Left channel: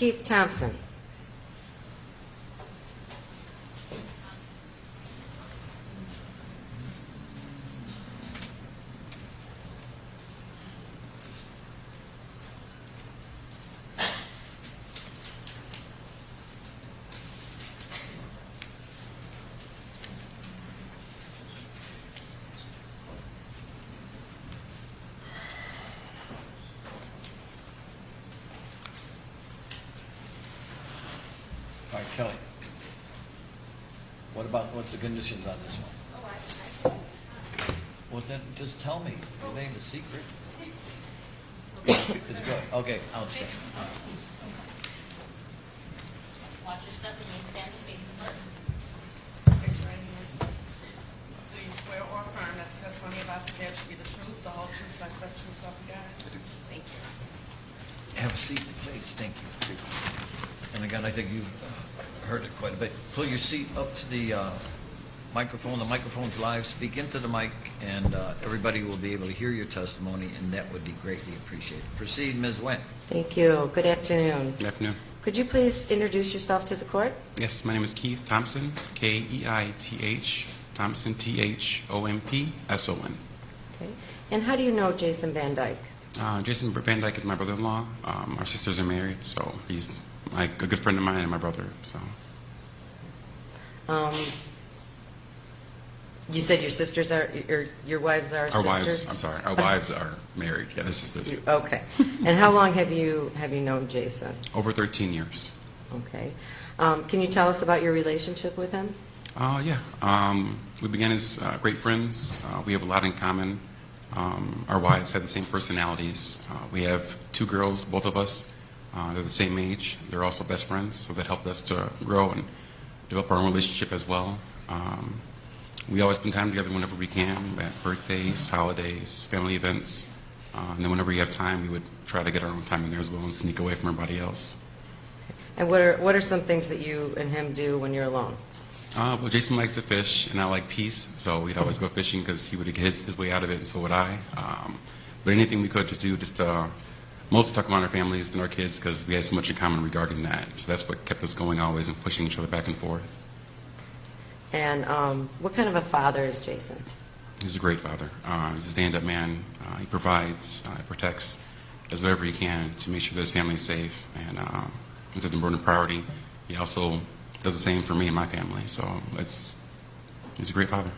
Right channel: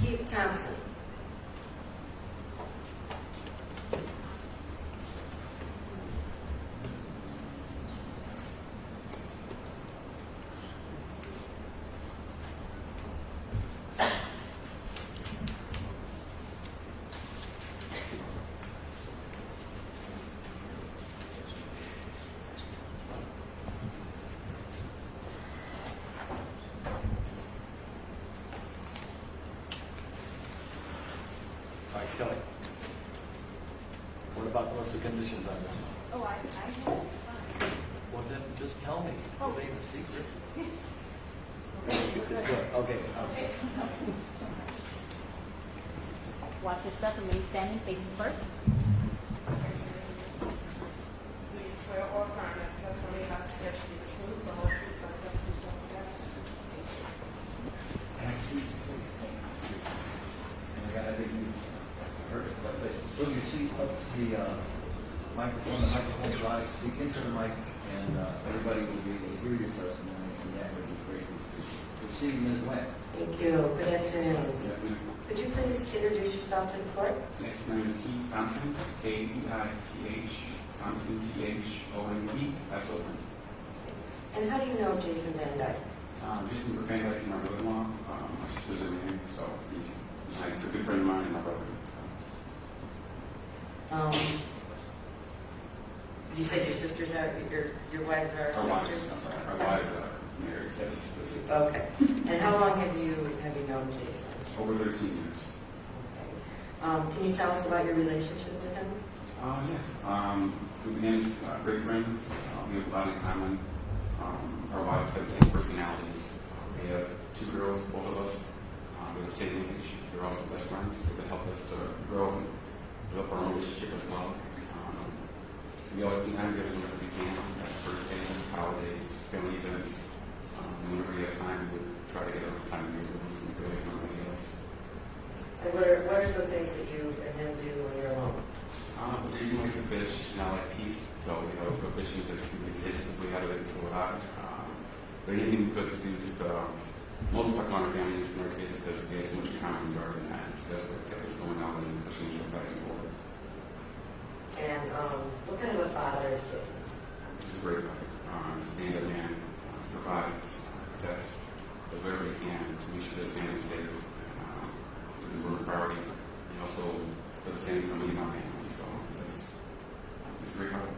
Keith Thompson. Kelly, what's the conditions on this one? Oh, I Well, then just tell me. It ain't a secret. It's good. Okay, I'll stay. watch your step and remain standing, facing first. Raise your right hand. Do you swear or affirm that the testimony about to give you the truth, the whole truth, nothing but the truth, so help you God? Thank you. Have a seat, please. Thank you. And again, I think you've heard it quite a bit. Pull your seat up to the microphone. The microphone's live. Speak into the mic, and everybody will be able to hear your testimony, and that would be greatly appreciated. Proceed, Ms. Wendt. Thank you. Good afternoon. Good afternoon. Could you please introduce yourself to the court? Yes, my name is Keith Thompson, Keith, Thompson, Thompson. Okay. And how do you know Jason Van Dyke? Jason Van Dyke is my brother-in-law. Our sisters are married, so he's like a good friend of mine and my brother. So. You said your sisters are, your wives are Our sisters? wives, I'm sorry, our wives are married. Yeah, they're sisters. Okay. And how long have you known Jason? Over 13 years. Okay. Can you tell us about your relationship with him? Yeah. We began as great friends. We have a lot in common. Our wives have the same personalities. We have two girls, both of us. They're the same age. They're also best friends, so that helped us to grow and develop our own relationship as well. We always spend time together whenever we can, at birthdays, holidays, family events. And then whenever we have time, we would try to get our own time in there as well and sneak away from everybody else. And what are some things that you and him do when you're alone? Well, Jason likes to fish, and I like peace, so we'd always go fishing because he would get his way out of it, and so would I. But anything we could just do, mostly talk about our families and our kids because we had so much in common regarding that. So that's what kept us going always and pushing each other back and forth. And what kind of a father is Jason? He's a great father. He's a stand-up man. He provides, protects, does whatever he can to make sure that his family's safe, and it's an important priority. He also does the same for me and my family, so he's a great father.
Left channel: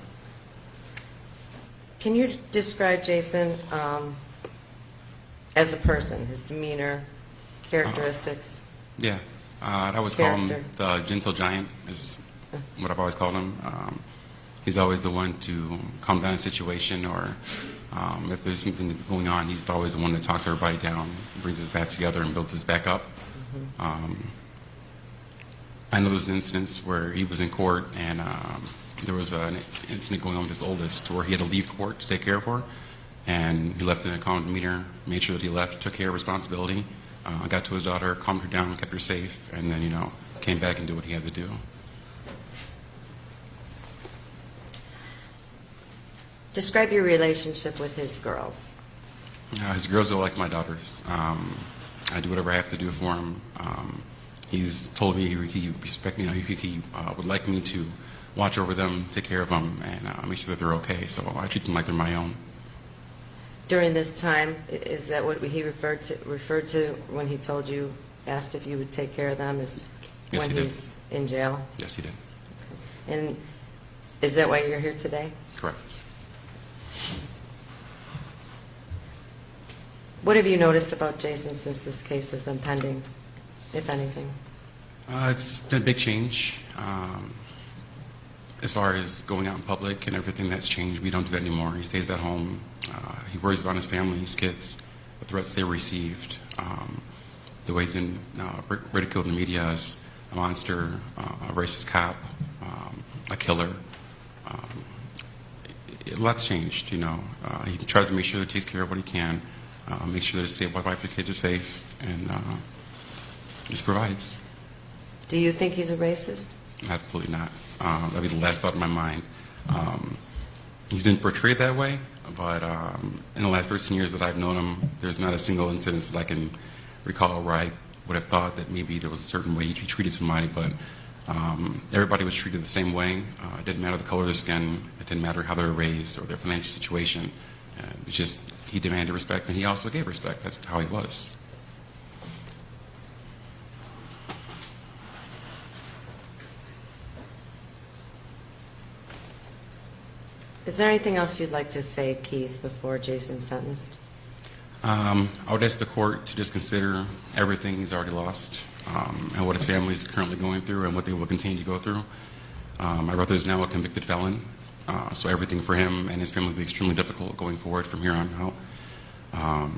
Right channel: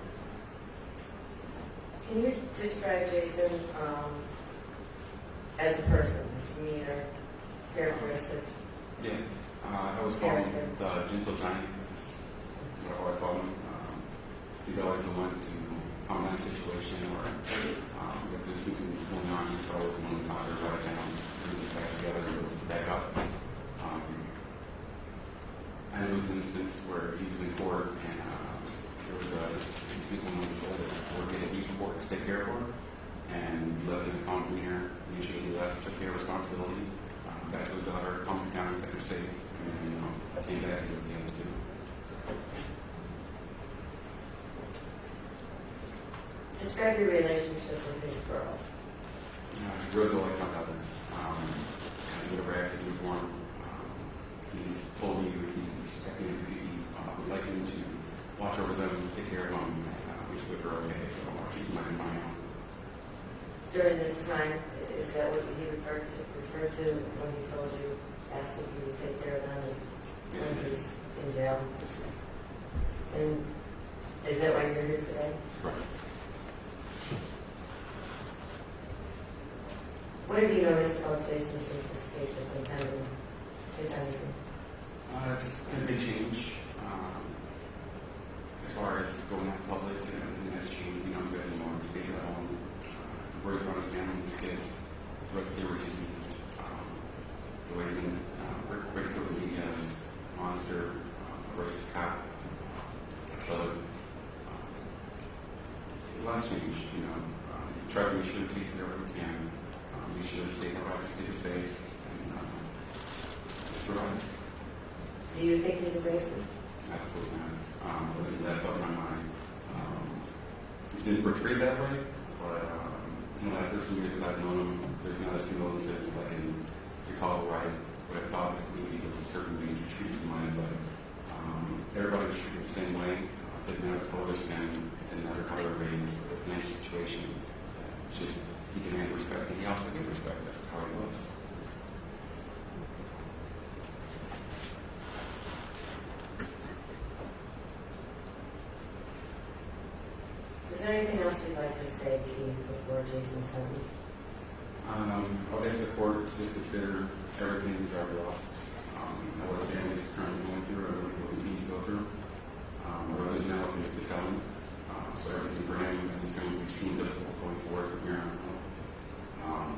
Can you describe Jason as a person, his demeanor, characteristics? Yeah, I always call him the gentle giant, is what I've always called him. He's always the one to calm down a situation, or if there's something going on, he's always the one that talks everybody down, brings us back together, and builds us back up. I know there's incidents where he was in court, and there was an incident going on with his oldest where he had to leave court to take care of her, and he left in a calm demeanor, made sure that he left, took care of responsibility, got to his daughter, calmed her down, kept her safe, and then, came back and did what he had to do. Describe your relationship with his girls. His girls are like my daughters. I do whatever I have to do for him. He's told me he respects me. He would like me to watch over them, take care of them, and make sure that they're okay. So I treat them like they're my own. During this time, is that what he referred to when he told you, asked if you would take care of them? Is Yes, when he did. he's in jail? Yes, he did. And is that why you're here today? Correct. What have you noticed about Jason since this case has been pending, if anything? It's been a big change. As far as going out in public and everything, that's changed. We don't do that anymore. He stays at home. He worries about his family, his kids, the threats they received, the way he's been ridiculed in the media as a monster, a racist cop, a killer. A lot's changed, He tries to make sure that he takes care of what he can, make sure that his wife and kids are safe, and just provides. Do you think he's a racist? Absolutely not. That'd be the last thought in my mind. He's been portrayed that way, but in the last 13 years that I've known him, there's not a single incident that I can recall where I would have thought that maybe there was a certain way you treated somebody, but everybody was treated the same way. It didn't matter the color of their skin. It didn't matter how they were raised or their financial situation. It was just he demanded respect, and he also gave respect. That's how he was. Is there anything else you'd like to say, Keith, before Jason's sentenced? I would ask the court to just consider everything he's already lost and what his family is currently going through and what they will continue to go through. My brother is now a convicted felon, so everything for him and his family will be extremely difficult going forward from here on out.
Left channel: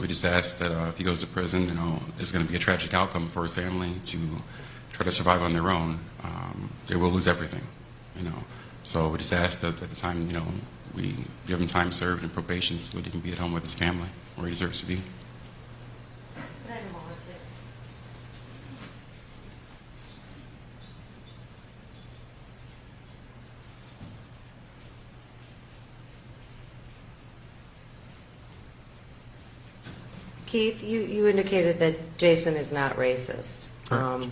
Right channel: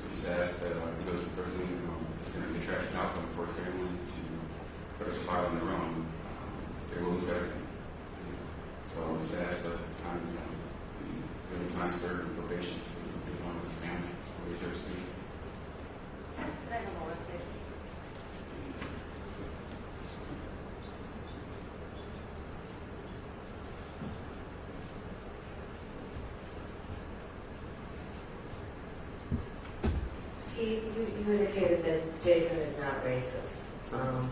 We just ask that if he goes to prison, there's going to be a tragic outcome for his family to try to survive on their own. They will lose everything, So we just ask that at the time, we give him time served and probation so that he can be at home with his family where he deserves to be. Keith, you indicated that Jason is not racist. Correct.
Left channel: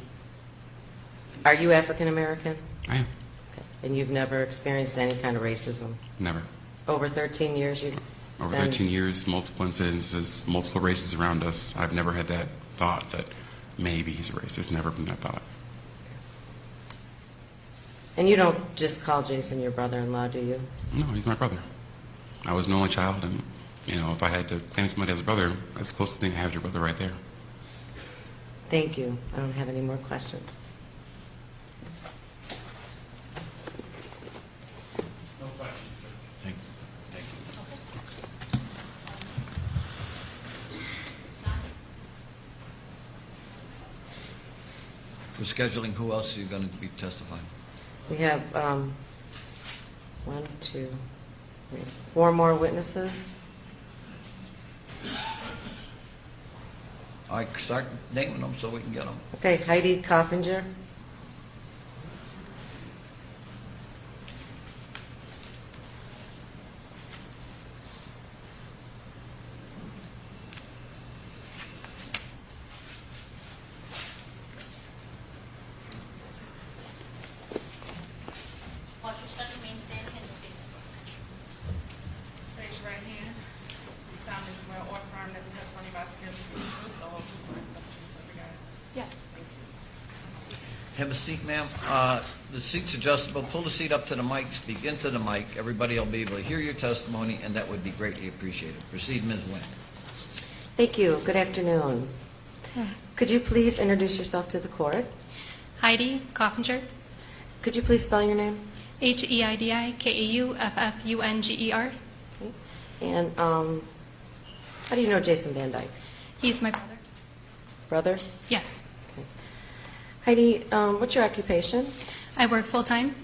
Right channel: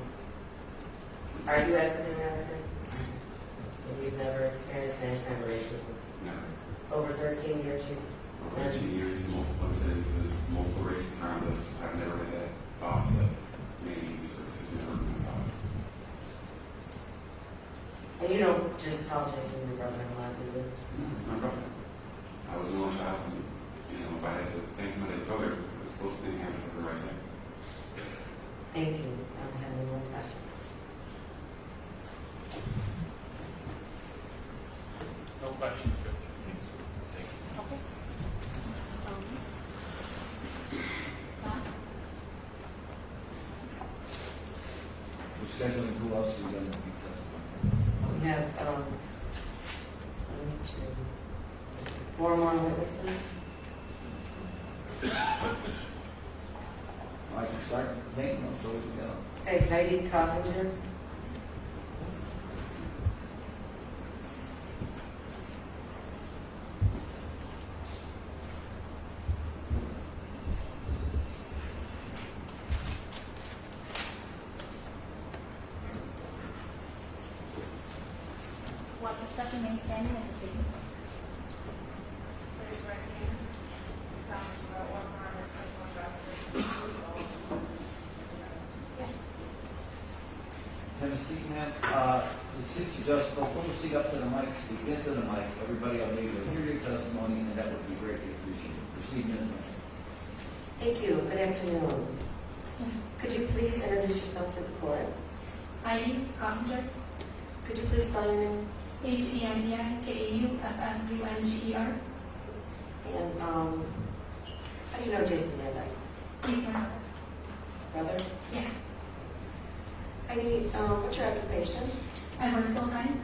Are you African American? I am. And you've never experienced any kind of racism? Never. Over 13 years you've Over been- 13 years, multiple incidences, multiple races around us. I've never had that thought that maybe he's a racist. Never been that thought. And you don't just call Jason your brother-in-law, do you? No, he's my brother. I was an only child, and if I had to claim somebody as a brother, that's the closest thing I have to your brother right there. Thank you. I don't have any more questions. No questions, Judge. Thank you. Now, For scheduling, who else are you going to be testifying? We have 4 more witnesses. I start naming them so we can get on. Okay, Heidi Kauffinger. watch your step, remain standing, and just wait. Raise your right hand. You solemnly swear or affirm that the testimony you're about to give will be the truth, the whole truth. Yes. Have a seat, ma'am. The seat's adjustable. Pull the seat up to the mic, speak into the mic. Everybody will be able to hear your testimony, and that would be greatly appreciated. Proceed, Ms. Nguyen. Thank you. Good afternoon. Could you please introduce yourself to the court? Heidi KauffengerVan Could you please spell your name? Heidikauffengerer. And how do you know Jason Van Dyke? He's my brother. Brother? Yes. Heidi, what's your occupation? I work full-time.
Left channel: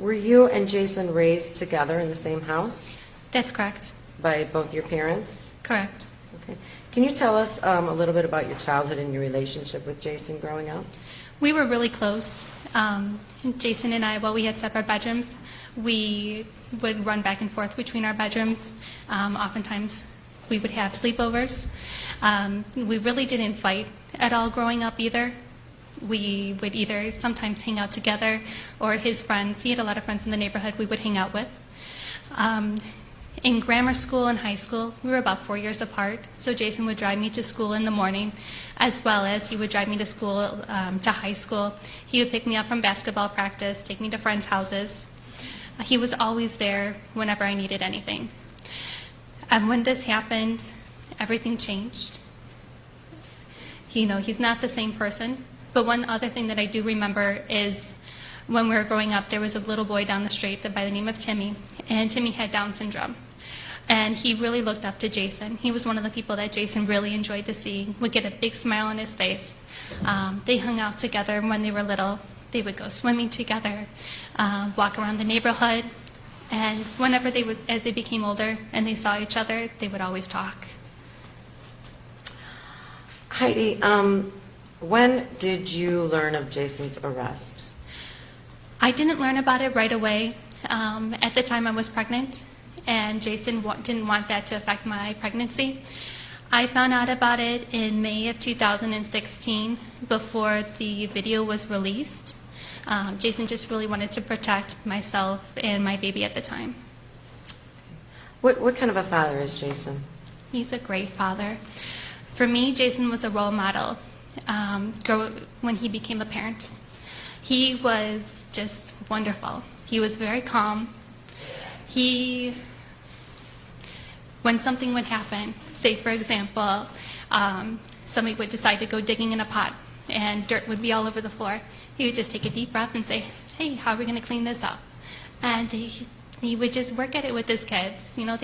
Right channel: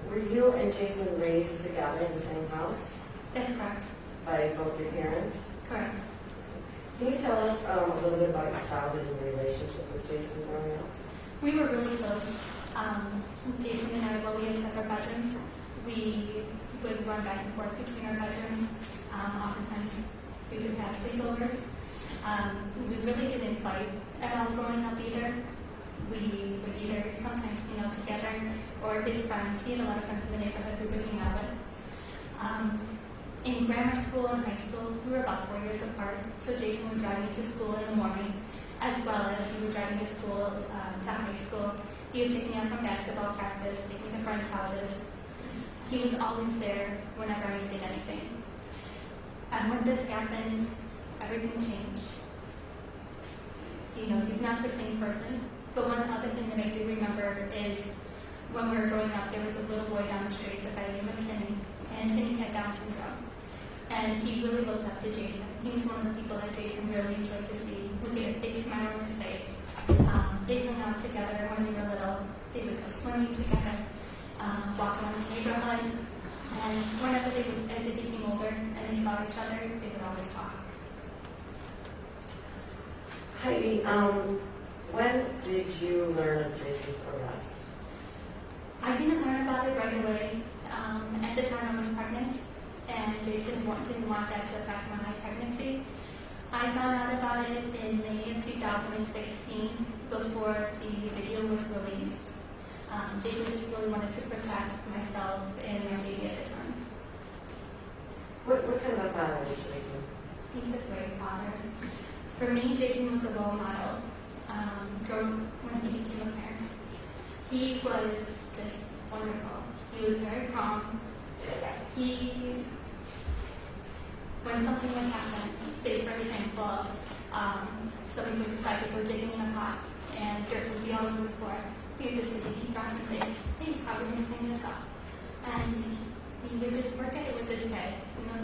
Were you and Jason raised together in the same house That's correct. by both your parents? Correct. Okay. Can you tell us a little bit about your childhood and your relationship with Jason growing up? We were really close. Jason and I, while we had separate bedrooms, we would run back and forth between our bedrooms. Oftentimes, we would have sleepovers. We really didn't fight at all growing up either. We would either sometimes hang out together or his friends. He had a lot of friends in the neighborhood we would hang out with. In grammar school and high school, we were about 4 years apart, so Jason would drive me to school in the morning, as well as he would drive me to school, to high school. He would pick me up from basketball practice, take me to friends' houses. He was always there whenever I needed anything. And when this happened, everything changed. He's not the same person, but one other thing that I do remember is when we were growing up, there was a little boy down the street by the name of Timmy, and Timmy had Down syndrome. And he really looked up to Jason. He was one of the people that Jason really enjoyed to see, would get a big smile on his face. They hung out together when they were little. They would go swimming together, walk around the neighborhood, and whenever as they became older and they saw each other, they would always talk. Heidi, when did you learn of Jason's arrest? I didn't learn about it right away. At the time I was pregnant, and Jason didn't want that to affect my pregnancy. I found out about it in May of 2016 before the video was released. Jason just really wanted to protect myself and my baby at the time. What kind of a father is Jason? He's a great father. For me, Jason was a role model when he became a parent. He was just wonderful. He was very calm. When something would happen, say for example, somebody would decide to go digging in a pot and dirt would be all over the floor, he would just take a deep breath and say, hey, how are we going to clean this up? And he would just work at it with his kids. You know,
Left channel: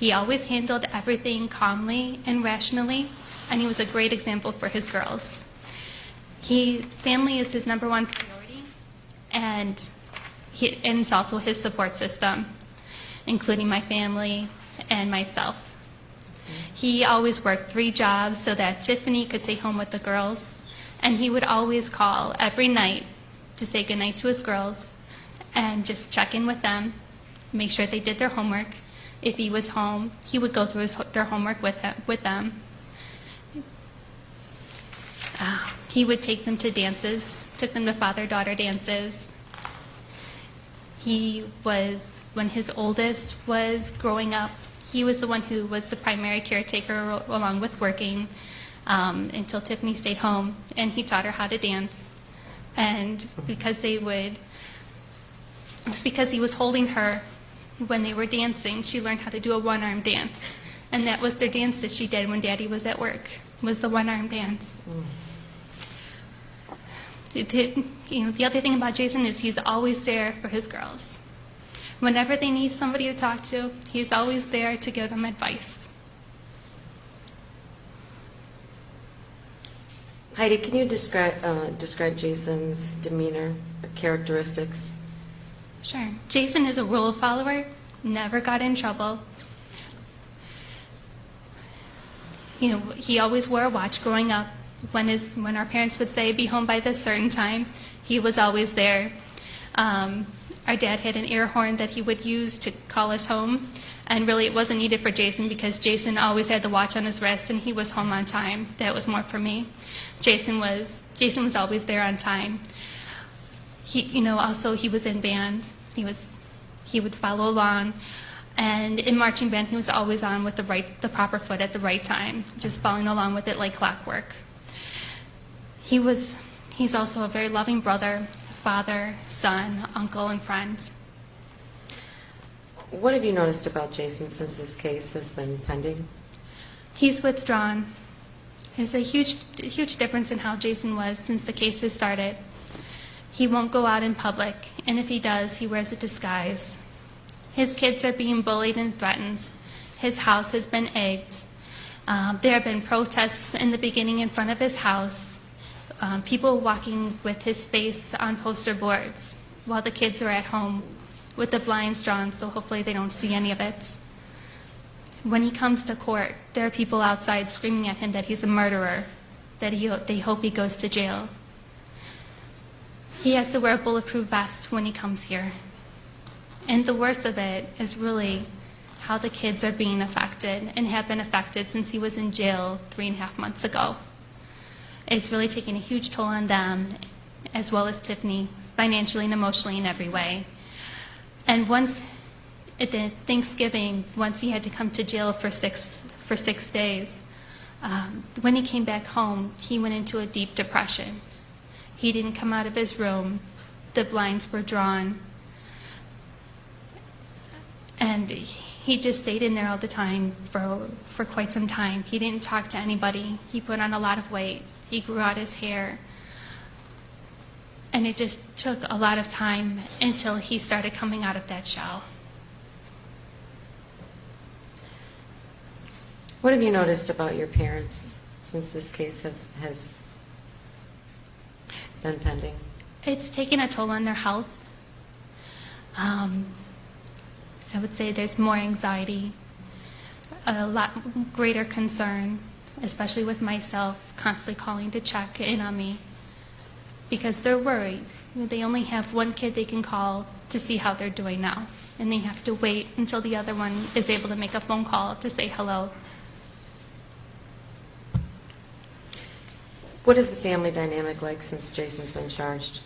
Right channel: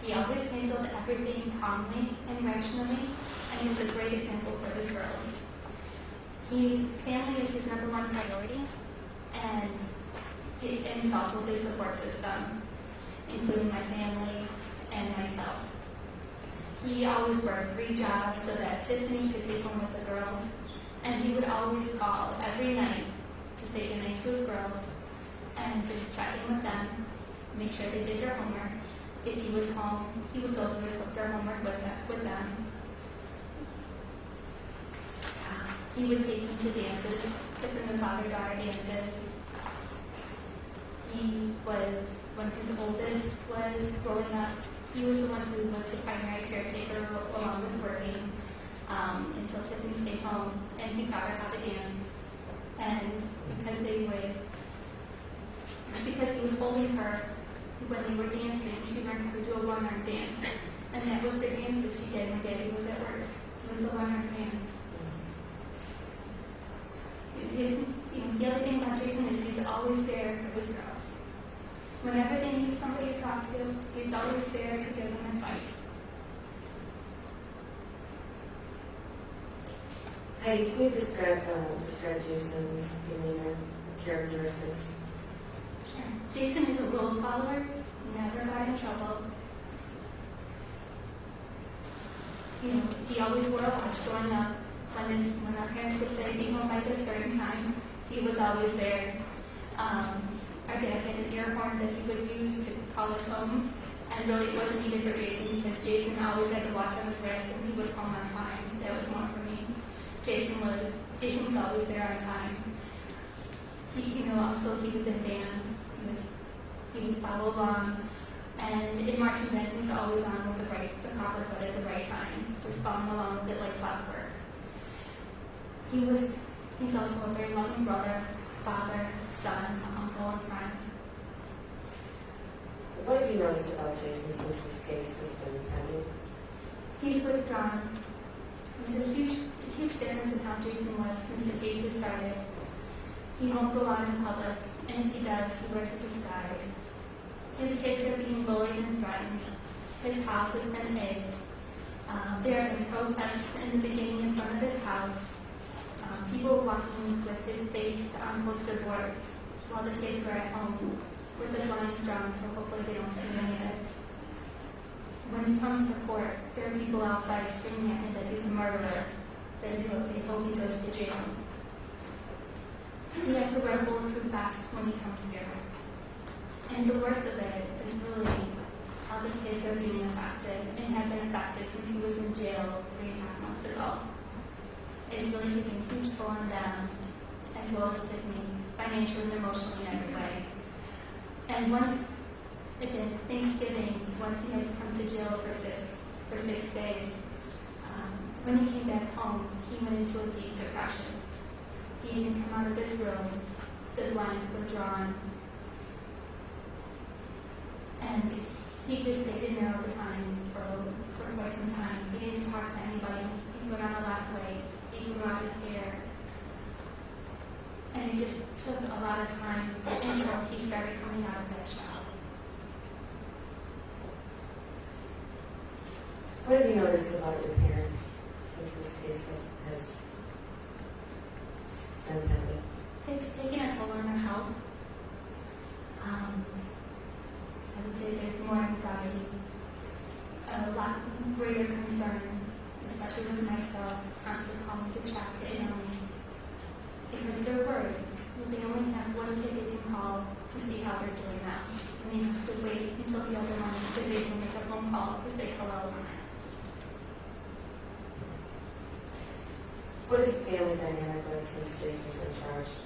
he always handled everything calmly and rationally, and he was a great example for his girls. Family is his #1 priority, and it's also his support system, including my family and myself. He always worked 3 jobs so that Tiffany could stay home with the girls, and he would always call every night to say goodnight to his girls and just check in with them, make sure they did their homework. If he was home, he would go through their homework with them. He would take them to dances, took them to father-daughter dances. When his oldest was growing up, he was the one who was the primary caretaker along with working until Tiffany stayed home, and he taught her how to dance. And because he was holding her when they were dancing, she learned how to do a one-arm dance. And that was the dance that she did when Daddy was at work, was the one-arm dance. The other thing about Jason is he's always there for his girls. Whenever they need somebody to talk to, he's always there to give them advice. Heidi, can you describe Jason's demeanor, characteristics? Sure. Jason is a rule follower, never got in trouble. He always wore a watch growing up. When our parents would say, be home by this certain time, he was always there. Our dad had an air horn that he would use to call us home, and really it wasn't needed for Jason because Jason always had the watch on his wrist and he was home on time. That was more for me. Jason was always there on time. Also he was in band. He would follow along, and in marching band he was always on with the proper foot at the right time, just following along with it like clockwork. He's also a very loving brother, father, son, uncle, and friend. What have you noticed about Jason since this case has been pending? He's withdrawn. There's a huge difference in how Jason was since the case has started. He won't go out in public, and if he does, he wears a disguise. His kids are being bullied and threatened. His house has been egged. There have been protests in the beginning in front of his house. People walking with his face on poster boards while the kids are at home with the blinds drawn, so hopefully they don't see any of it. When he comes to court, there are people outside screaming at him that he's a murderer, that they hope he goes to jail. He has to wear a bulletproof vest when he comes here. And the worst of it is really how the kids are being affected and have been affected since he was in jail 3.5 months ago. It's really taken a huge toll on them, as well as Tiffany, financially and emotionally in every way. And once at the Thanksgiving, once he had to come to jail for 6 days, when he came back home, he went into a deep depression. He didn't come out of his room. The blinds were drawn. And he just stayed in there all the time for quite some time. He didn't talk to anybody. He put on a lot of weight. He grew out his hair. And it just took a lot of time until he started coming out of that shell. What have you noticed about your parents since this case has been pending? It's taken a toll on their health. I would say there's more anxiety, a lot greater concern, especially with myself, constantly calling to check in on me because they're worried. They only have one kid they can call to see how they're doing now, and they have to wait until the other one is able to make a phone call to say hello. What is the family dynamic like since Jason's been charged?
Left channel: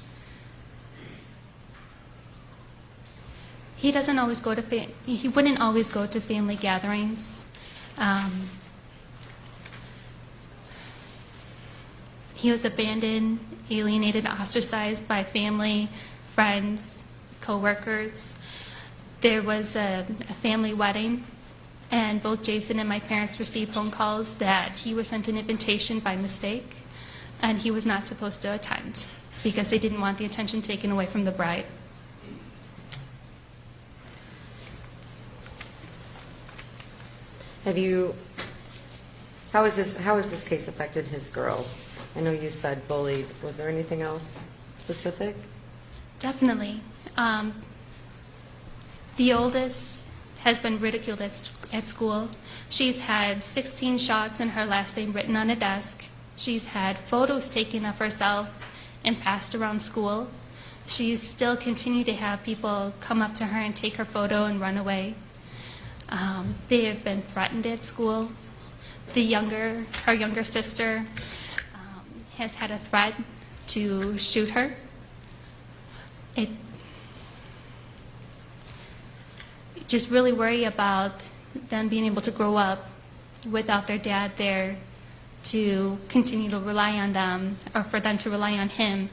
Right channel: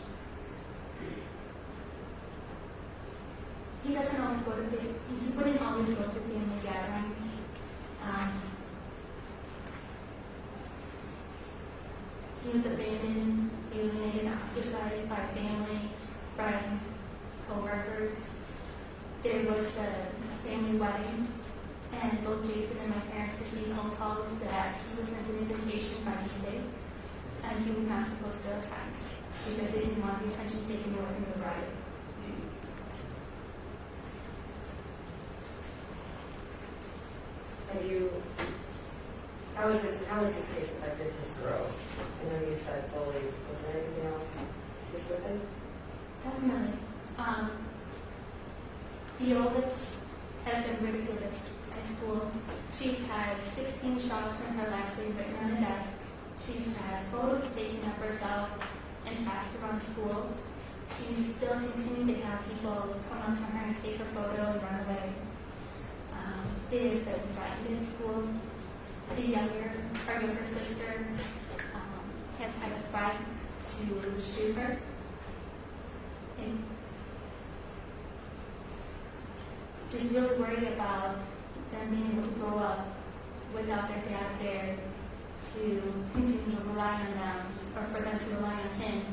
He doesn't always go to, he wouldn't always go to family gatherings. He was abandoned, alienated, ostracized by family, friends, co-workers. There was a family wedding, and both Jason and my parents received phone calls that he was sent an invitation by mistake, and he was not supposed to attend because they didn't want the attention taken away from the bride. How has this case affected his girls? I know you said bullied. Was there anything else specific? Definitely. The oldest has been ridiculed at school. She's had 16 shots and her last name written on a desk. She's had photos taken of herself and passed around school. She's still continued to have people come up to her and take her photo and run away. They have been threatened at school. Her younger sister has had a threat to shoot her. Just really worry about them being able to grow up without their dad there to continue to rely on them, or for them to rely on him,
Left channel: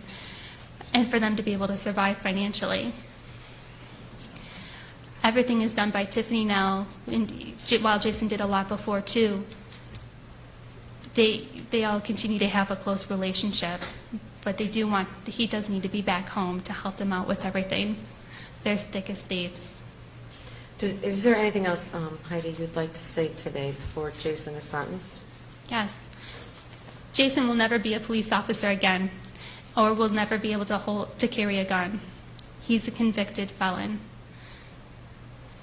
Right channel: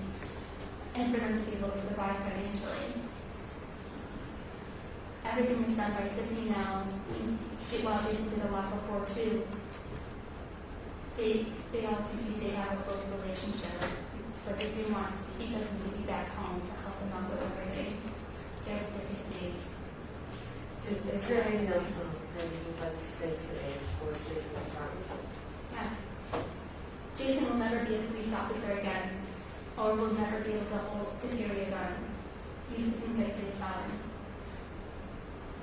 and for them to be able to survive financially. Everything is done by Tiffany now, and while Jason did a lot before too. They all continue to have a close relationship, but he does need to be back home to help them out with everything. They're as thick as thieves. Is there anything else, Heidi, you'd like to say today before Jason is sentenced? Yes. Jason will never be a police officer again, or will never be able to carry a gun. He's a convicted felon.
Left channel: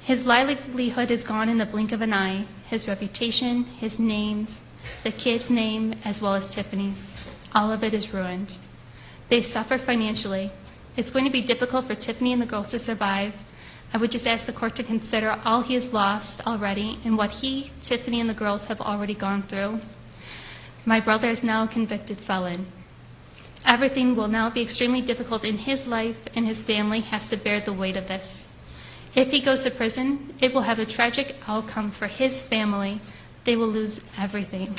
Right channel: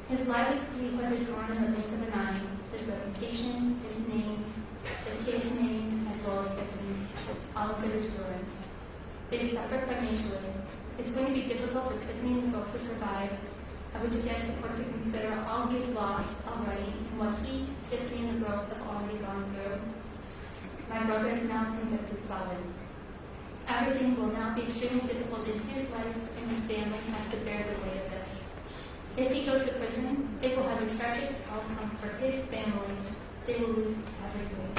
His livelihood is gone in the blink of an eye. His reputation, his names, the kid's name, as well as Tiffany's. All of it is ruined. They've suffered financially. It's going to be difficult for Tiffany and the girls to survive. I would just ask the court to consider all he has lost already and what he, Tiffany, and the girls have already gone through. My brother is now a convicted felon. Everything will now be extremely difficult in his life, and his family has to bear the weight of this. If he goes to prison, it will have a tragic outcome for his family. They will lose everything.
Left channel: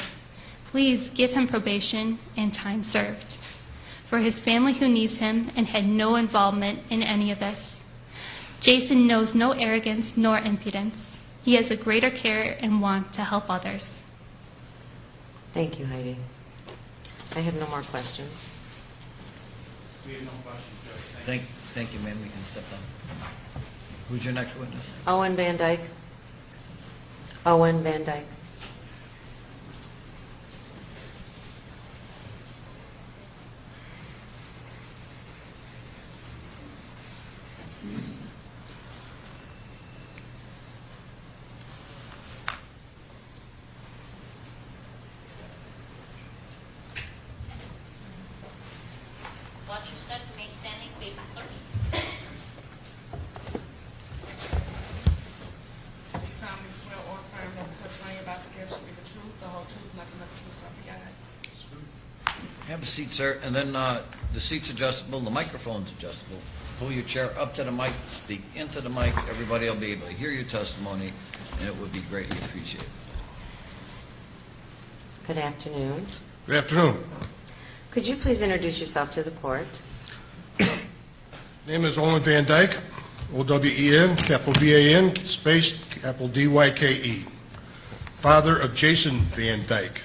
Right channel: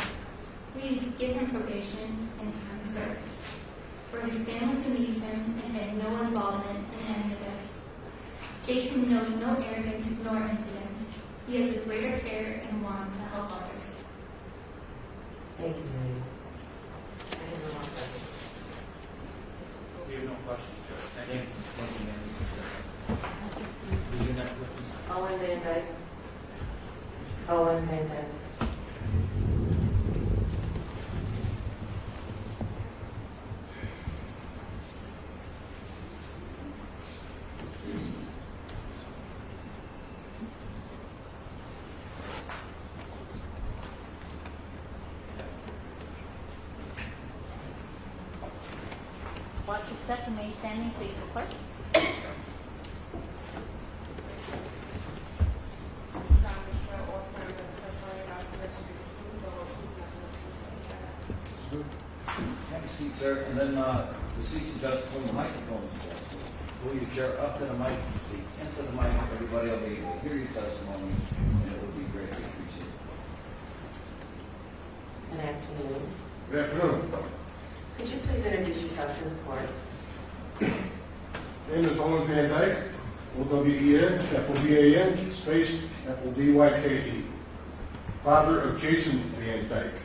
Please give him probation and time served. For his family who needs him and had no involvement in any of this. Jason knows no arrogance nor impudence. He has a greater care and want to help others. Thank you, Heidi. I have no more questions. We have no questions, Judge. Thank you, ma'am. You can step back. Who's your next witness? Owen Van Dyke. Owen Van Dyke. Watch your step, remain standing, face the clerk. You solemnly swear or affirm that the testimony you're about to give shall be the truth, the whole truth, nothing but the truth, so help you God. Have a seat, sir, and then the seat's adjustable, the microphone's adjustable. Pull your chair up to the mic, speak into the mic, everybody will be able to hear your testimony, and it will be greatly appreciated. Good afternoon. Good afternoon. Could you please introduce yourself to the court? Name is Owen Van Dyke, O-W-E-N, capital V-A-N, space, capital D-Y-K-E. Father of Jason Van Dyke.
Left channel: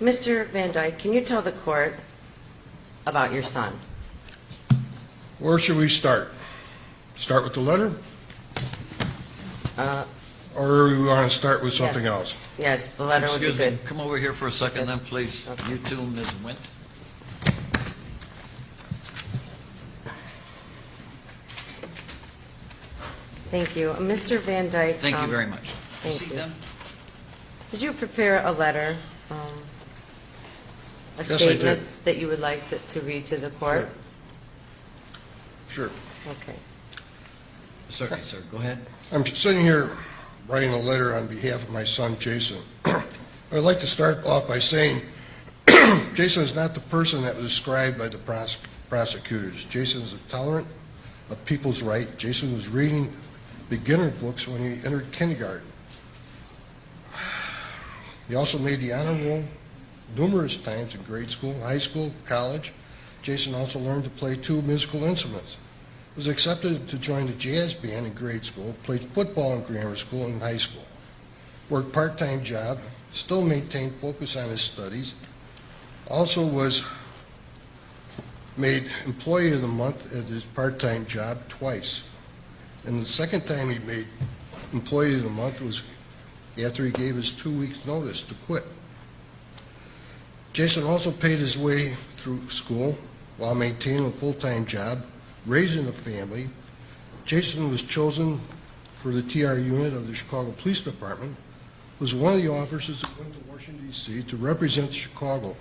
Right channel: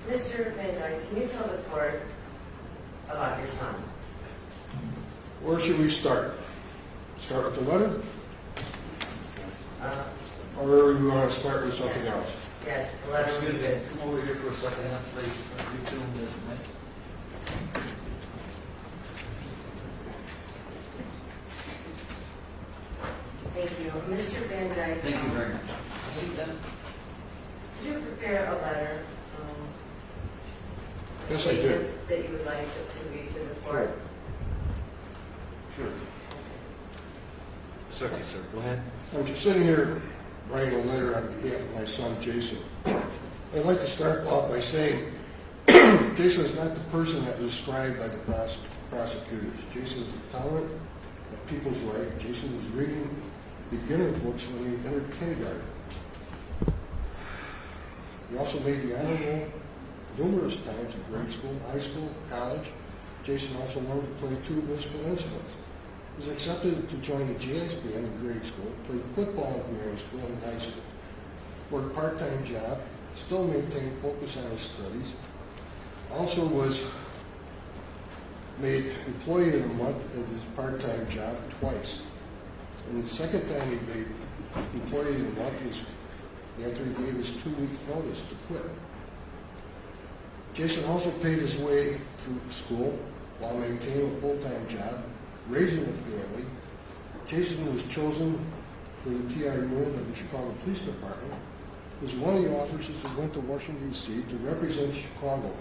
Mr. Van Dyke, can you tell the court about your son? Where should we start? Start with the letter? Or we want to start with something Yes. else? Yes, the letter would be Excuse me, good. come over here for a second then, please. You too, Ms. Wint. Thank you. Mr. Van Dyke. Thank you very much. thank See you. then? Did you prepare a letter, a Yes, I statement did. that you would like to read to the court? Sure. Okay. Certainly, sir. Go ahead. I'm sitting here writing a letter on behalf of my son, Jason. I'd like to start off by saying Jason is not the person that was described by the prosecutors. Jason is tolerant of people's right. Jason was reading beginner books when he entered kindergarten. He also made the honor roll numerous times in grade school, high school, college. Jason also learned to play 2 musical instruments. He was accepted to join the jazz band in grade school, played football in grammar school and high school, worked part-time job, still maintained focus on his studies, also was made Employee of the Month at his part-time job twice. And the second time he made Employee of the Month was after he gave his 2 weeks notice to quit. Jason also paid his way through school while maintaining a full-time job, raising a family. Jason was chosen for the TR unit of the Chicago Police Department, was one of the officers that went to Washington, D.C. to represent Chicago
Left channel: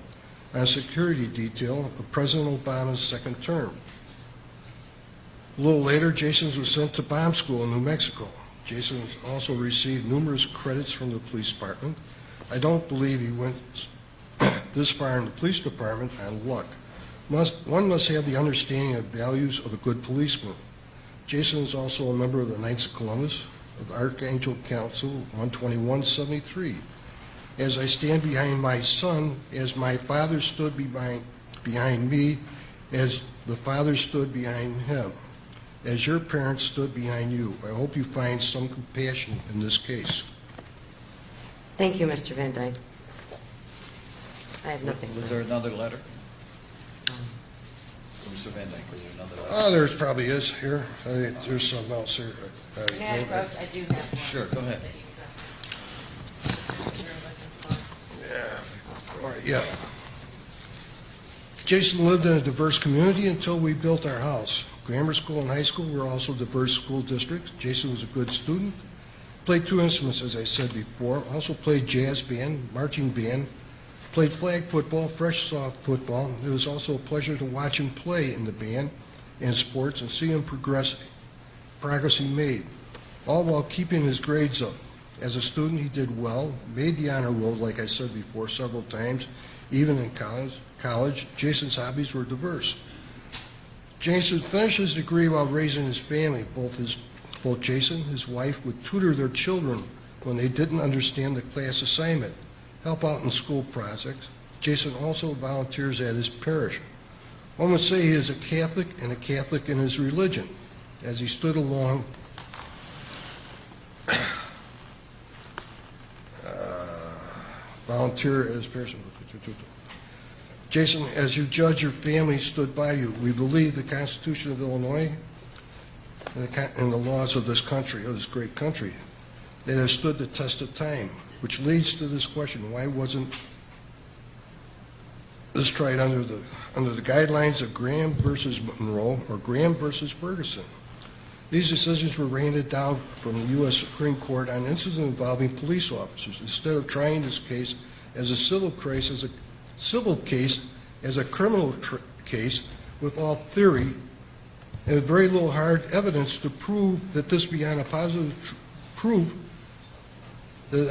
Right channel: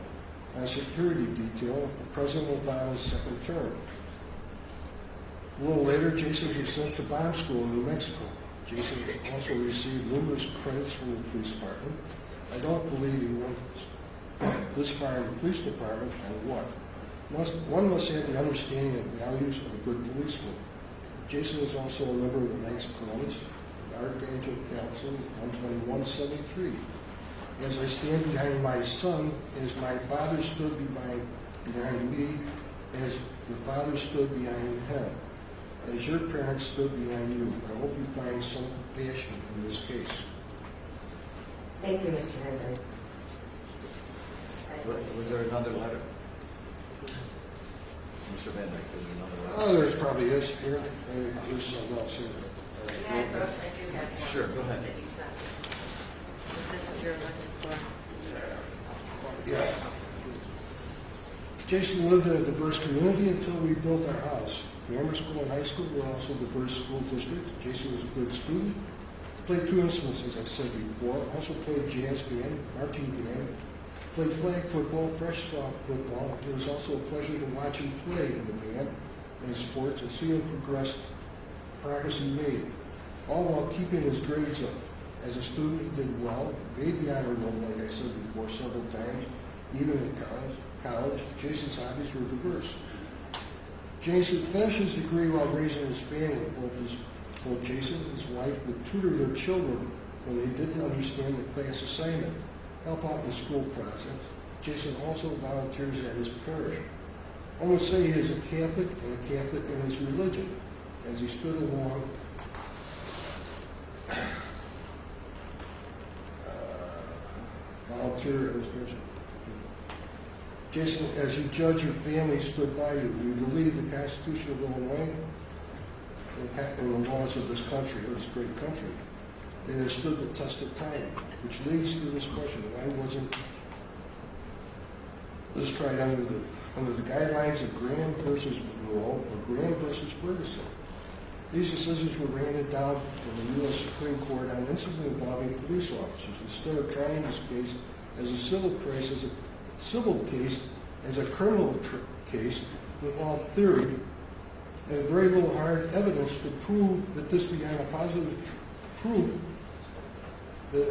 on security detail of President Obama's second term. A little later, Jason was sent to bomb school in New Mexico. Jason also received numerous credits from the police department. I don't believe he went this far in the police department on luck. One must have the understanding of values of a good policeman. Jason is also a member of the Knights of Columbus, of Archangel Council 12173. As I stand behind my son, as my father stood behind me, as the father stood behind him, as your parents stood behind you. I hope you find some compassion in this case. Thank you, Mr. Van Dyke. I have nothing. Was there another letter? Mr. Van Dyke, was there another letter? Oh, there's probably is here. There's something else here. I do have one. Sure, go ahead. That you signed. This is your looking for. Yeah. All right, yeah. Jason lived in a diverse community until we built our house. Grammar school and high school were also diverse school districts. Jason was a good student. Played 2 instruments, as I said before. Also played jazz band, marching band. Played flag football, fresh soft football. It was also a pleasure to watch him play in the band and sports and see him progress he made, all while keeping his grades up. As a student, he did well, made the honor roll, like I said before, several times, even in college. Jason's hobbies were diverse. Jason finished his degree while raising his family. Both Jason and his wife would tutor their children when they didn't understand the class assignment, help out in school projects. Jason also volunteers at his parish. One would say he is a Catholic and a Catholic in his religion, as he stood along volunteer at his parish. Jason, as you judge, your family stood by you. We believe the Constitution of Illinois and the laws of this country, of this great country, that have stood the test of time, which leads to this question: why wasn't this tried under the guidelines of Graham versus Monroe or Graham versus Ferguson? These decisions were handed down from the U.S. Supreme Court on incidents involving police officers. Instead of trying this case as a civil case, as a criminal case with all theory and very little hard evidence to prove that this beyond a positive proof that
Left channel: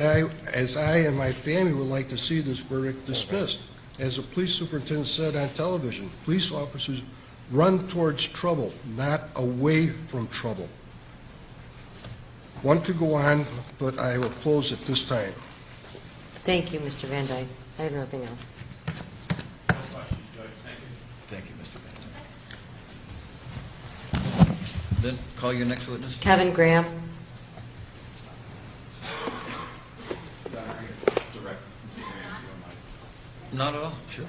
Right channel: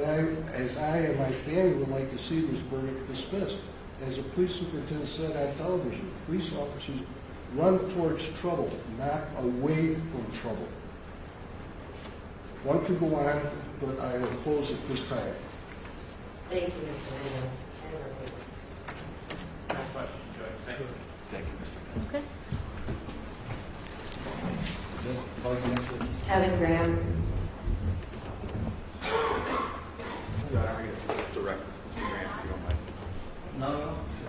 I and my family would like to see this verdict dismissed. As the police superintendent said on television, police officers run towards trouble, not away from trouble. One could go on, but I will close at this time. Thank you, Mr. Van Dyke. I have nothing else. No questions, Judge. Thank you. Thank you, Mr. Van. Then call your next witness. Kevin Graham. Not at all? Sure.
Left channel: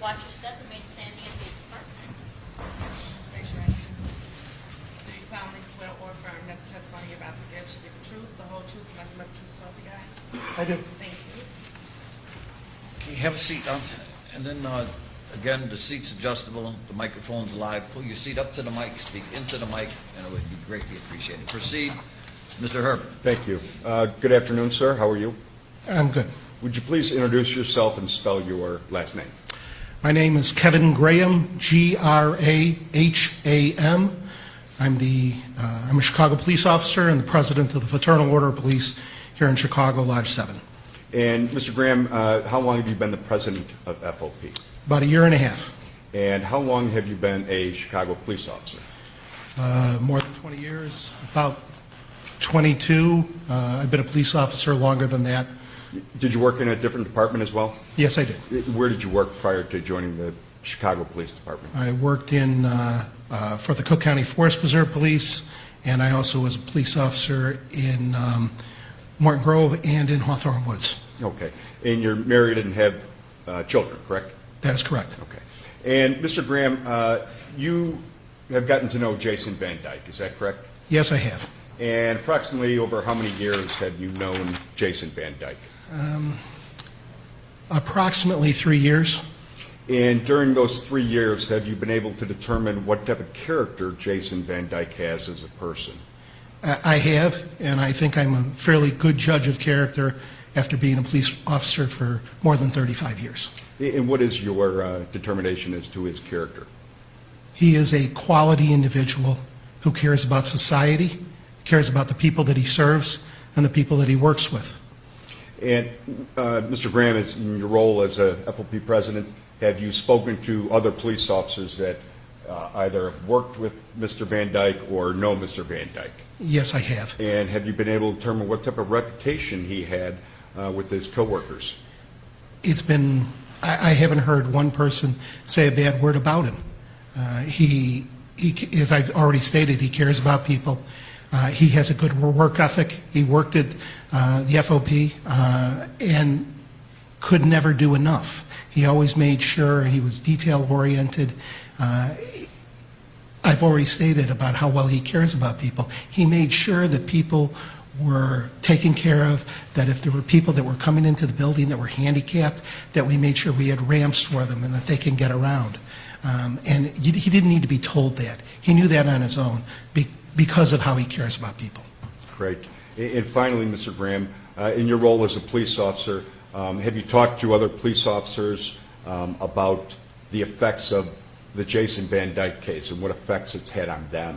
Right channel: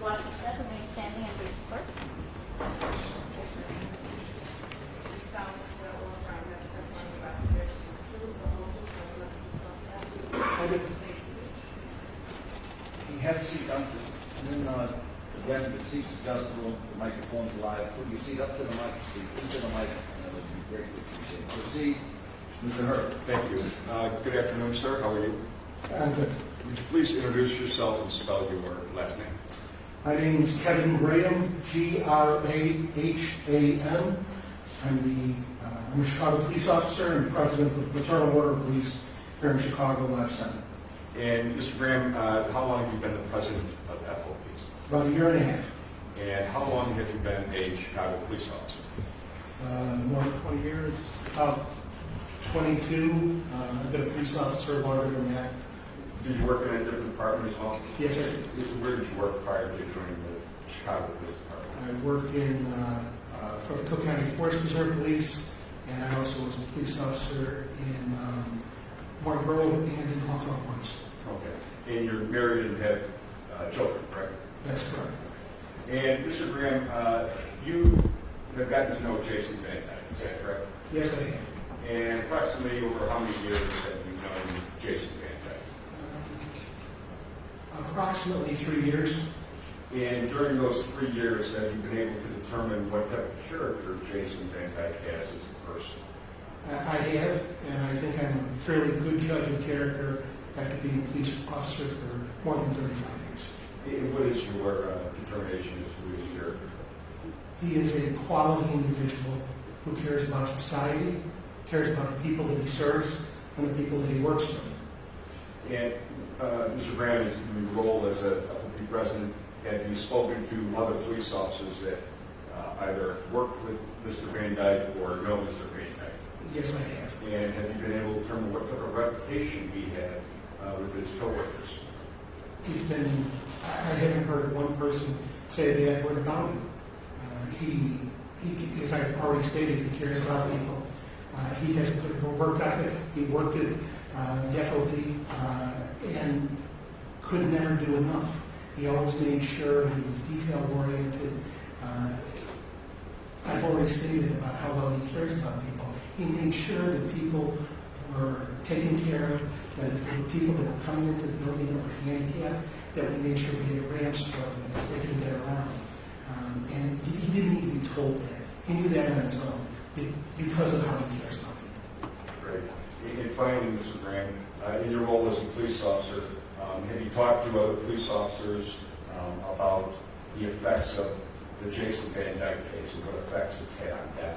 Watch your step, remain standing and face the clerk. Raise your hand. Do you solemnly swear or affirm that the testimony you're about to give should be the truth, the whole truth, nothing but the truth, so help you God? I do. Thank you. Okay, have a seat, and then, again, the seat's adjustable, the microphone's live. Pull your seat up to the mic, speak into the mic, and it would be greatly appreciated. Proceed, Mr. Herbert. Thank you. Good afternoon, sir. How are you? I'm good. Would you please introduce yourself and spell your last name? My name is Kevin Graham, Graham. I'm a Chicago police officer and the president of the Fraternal Order of Police here in Chicago, Lodge 7. And Mr. Graham, how long have you been the president of FOP? About a year and a half. And how long have you been a Chicago police officer? More than 20 years, about 22. I've been a police officer longer than that. Did you work in a different department as well? Yes, I did. Where did you work prior to joining the Chicago Police Department? I worked for the Cook County Forest Preserve Police, and I also was a police officer in Morton Grove and in Hawthorne Woods. Okay. And you're married and have children, correct? That is correct. Okay. And Mr. Graham, you have gotten to know Jason Van Dyke, is that correct? Yes, I have. And approximately over how many years have you known Jason Van Dyke? Approximately 3 years. And during those 3 years, have you been able to determine what type of character Jason Van Dyke has as a person? I have, and I think I'm a fairly good judge of character after being a police officer for more than 35 years. And what is your determination as to his character? He is a quality individual who cares about society, cares about the people that he serves, and the people that he works with. And Mr. Graham, in your role as a FOP president, have you spoken to other police officers that either worked with Mr. Van Dyke or know Mr. Van Dyke? Yes, I have. And have you been able to determine what type of reputation he had with his coworkers? It's been, I haven't heard one person say a bad word about him. He, as I've already stated, he cares about people. He has a good work ethic. He worked at the FOP and could never do enough. He always made sure he was detail-oriented. I've already stated about how well he cares about people. He made sure that people were taken care of, that if there were people that were coming into the building that were handicapped, that we made sure we had ramps for them and that they can get around. And he didn't need to be told that. He knew that on his own because of how he cares about people. Great. And finally, Mr. Graham, in your role as a police officer, have you talked to other police officers about the effects of the Jason Van Dyke case and what effects it's had on them?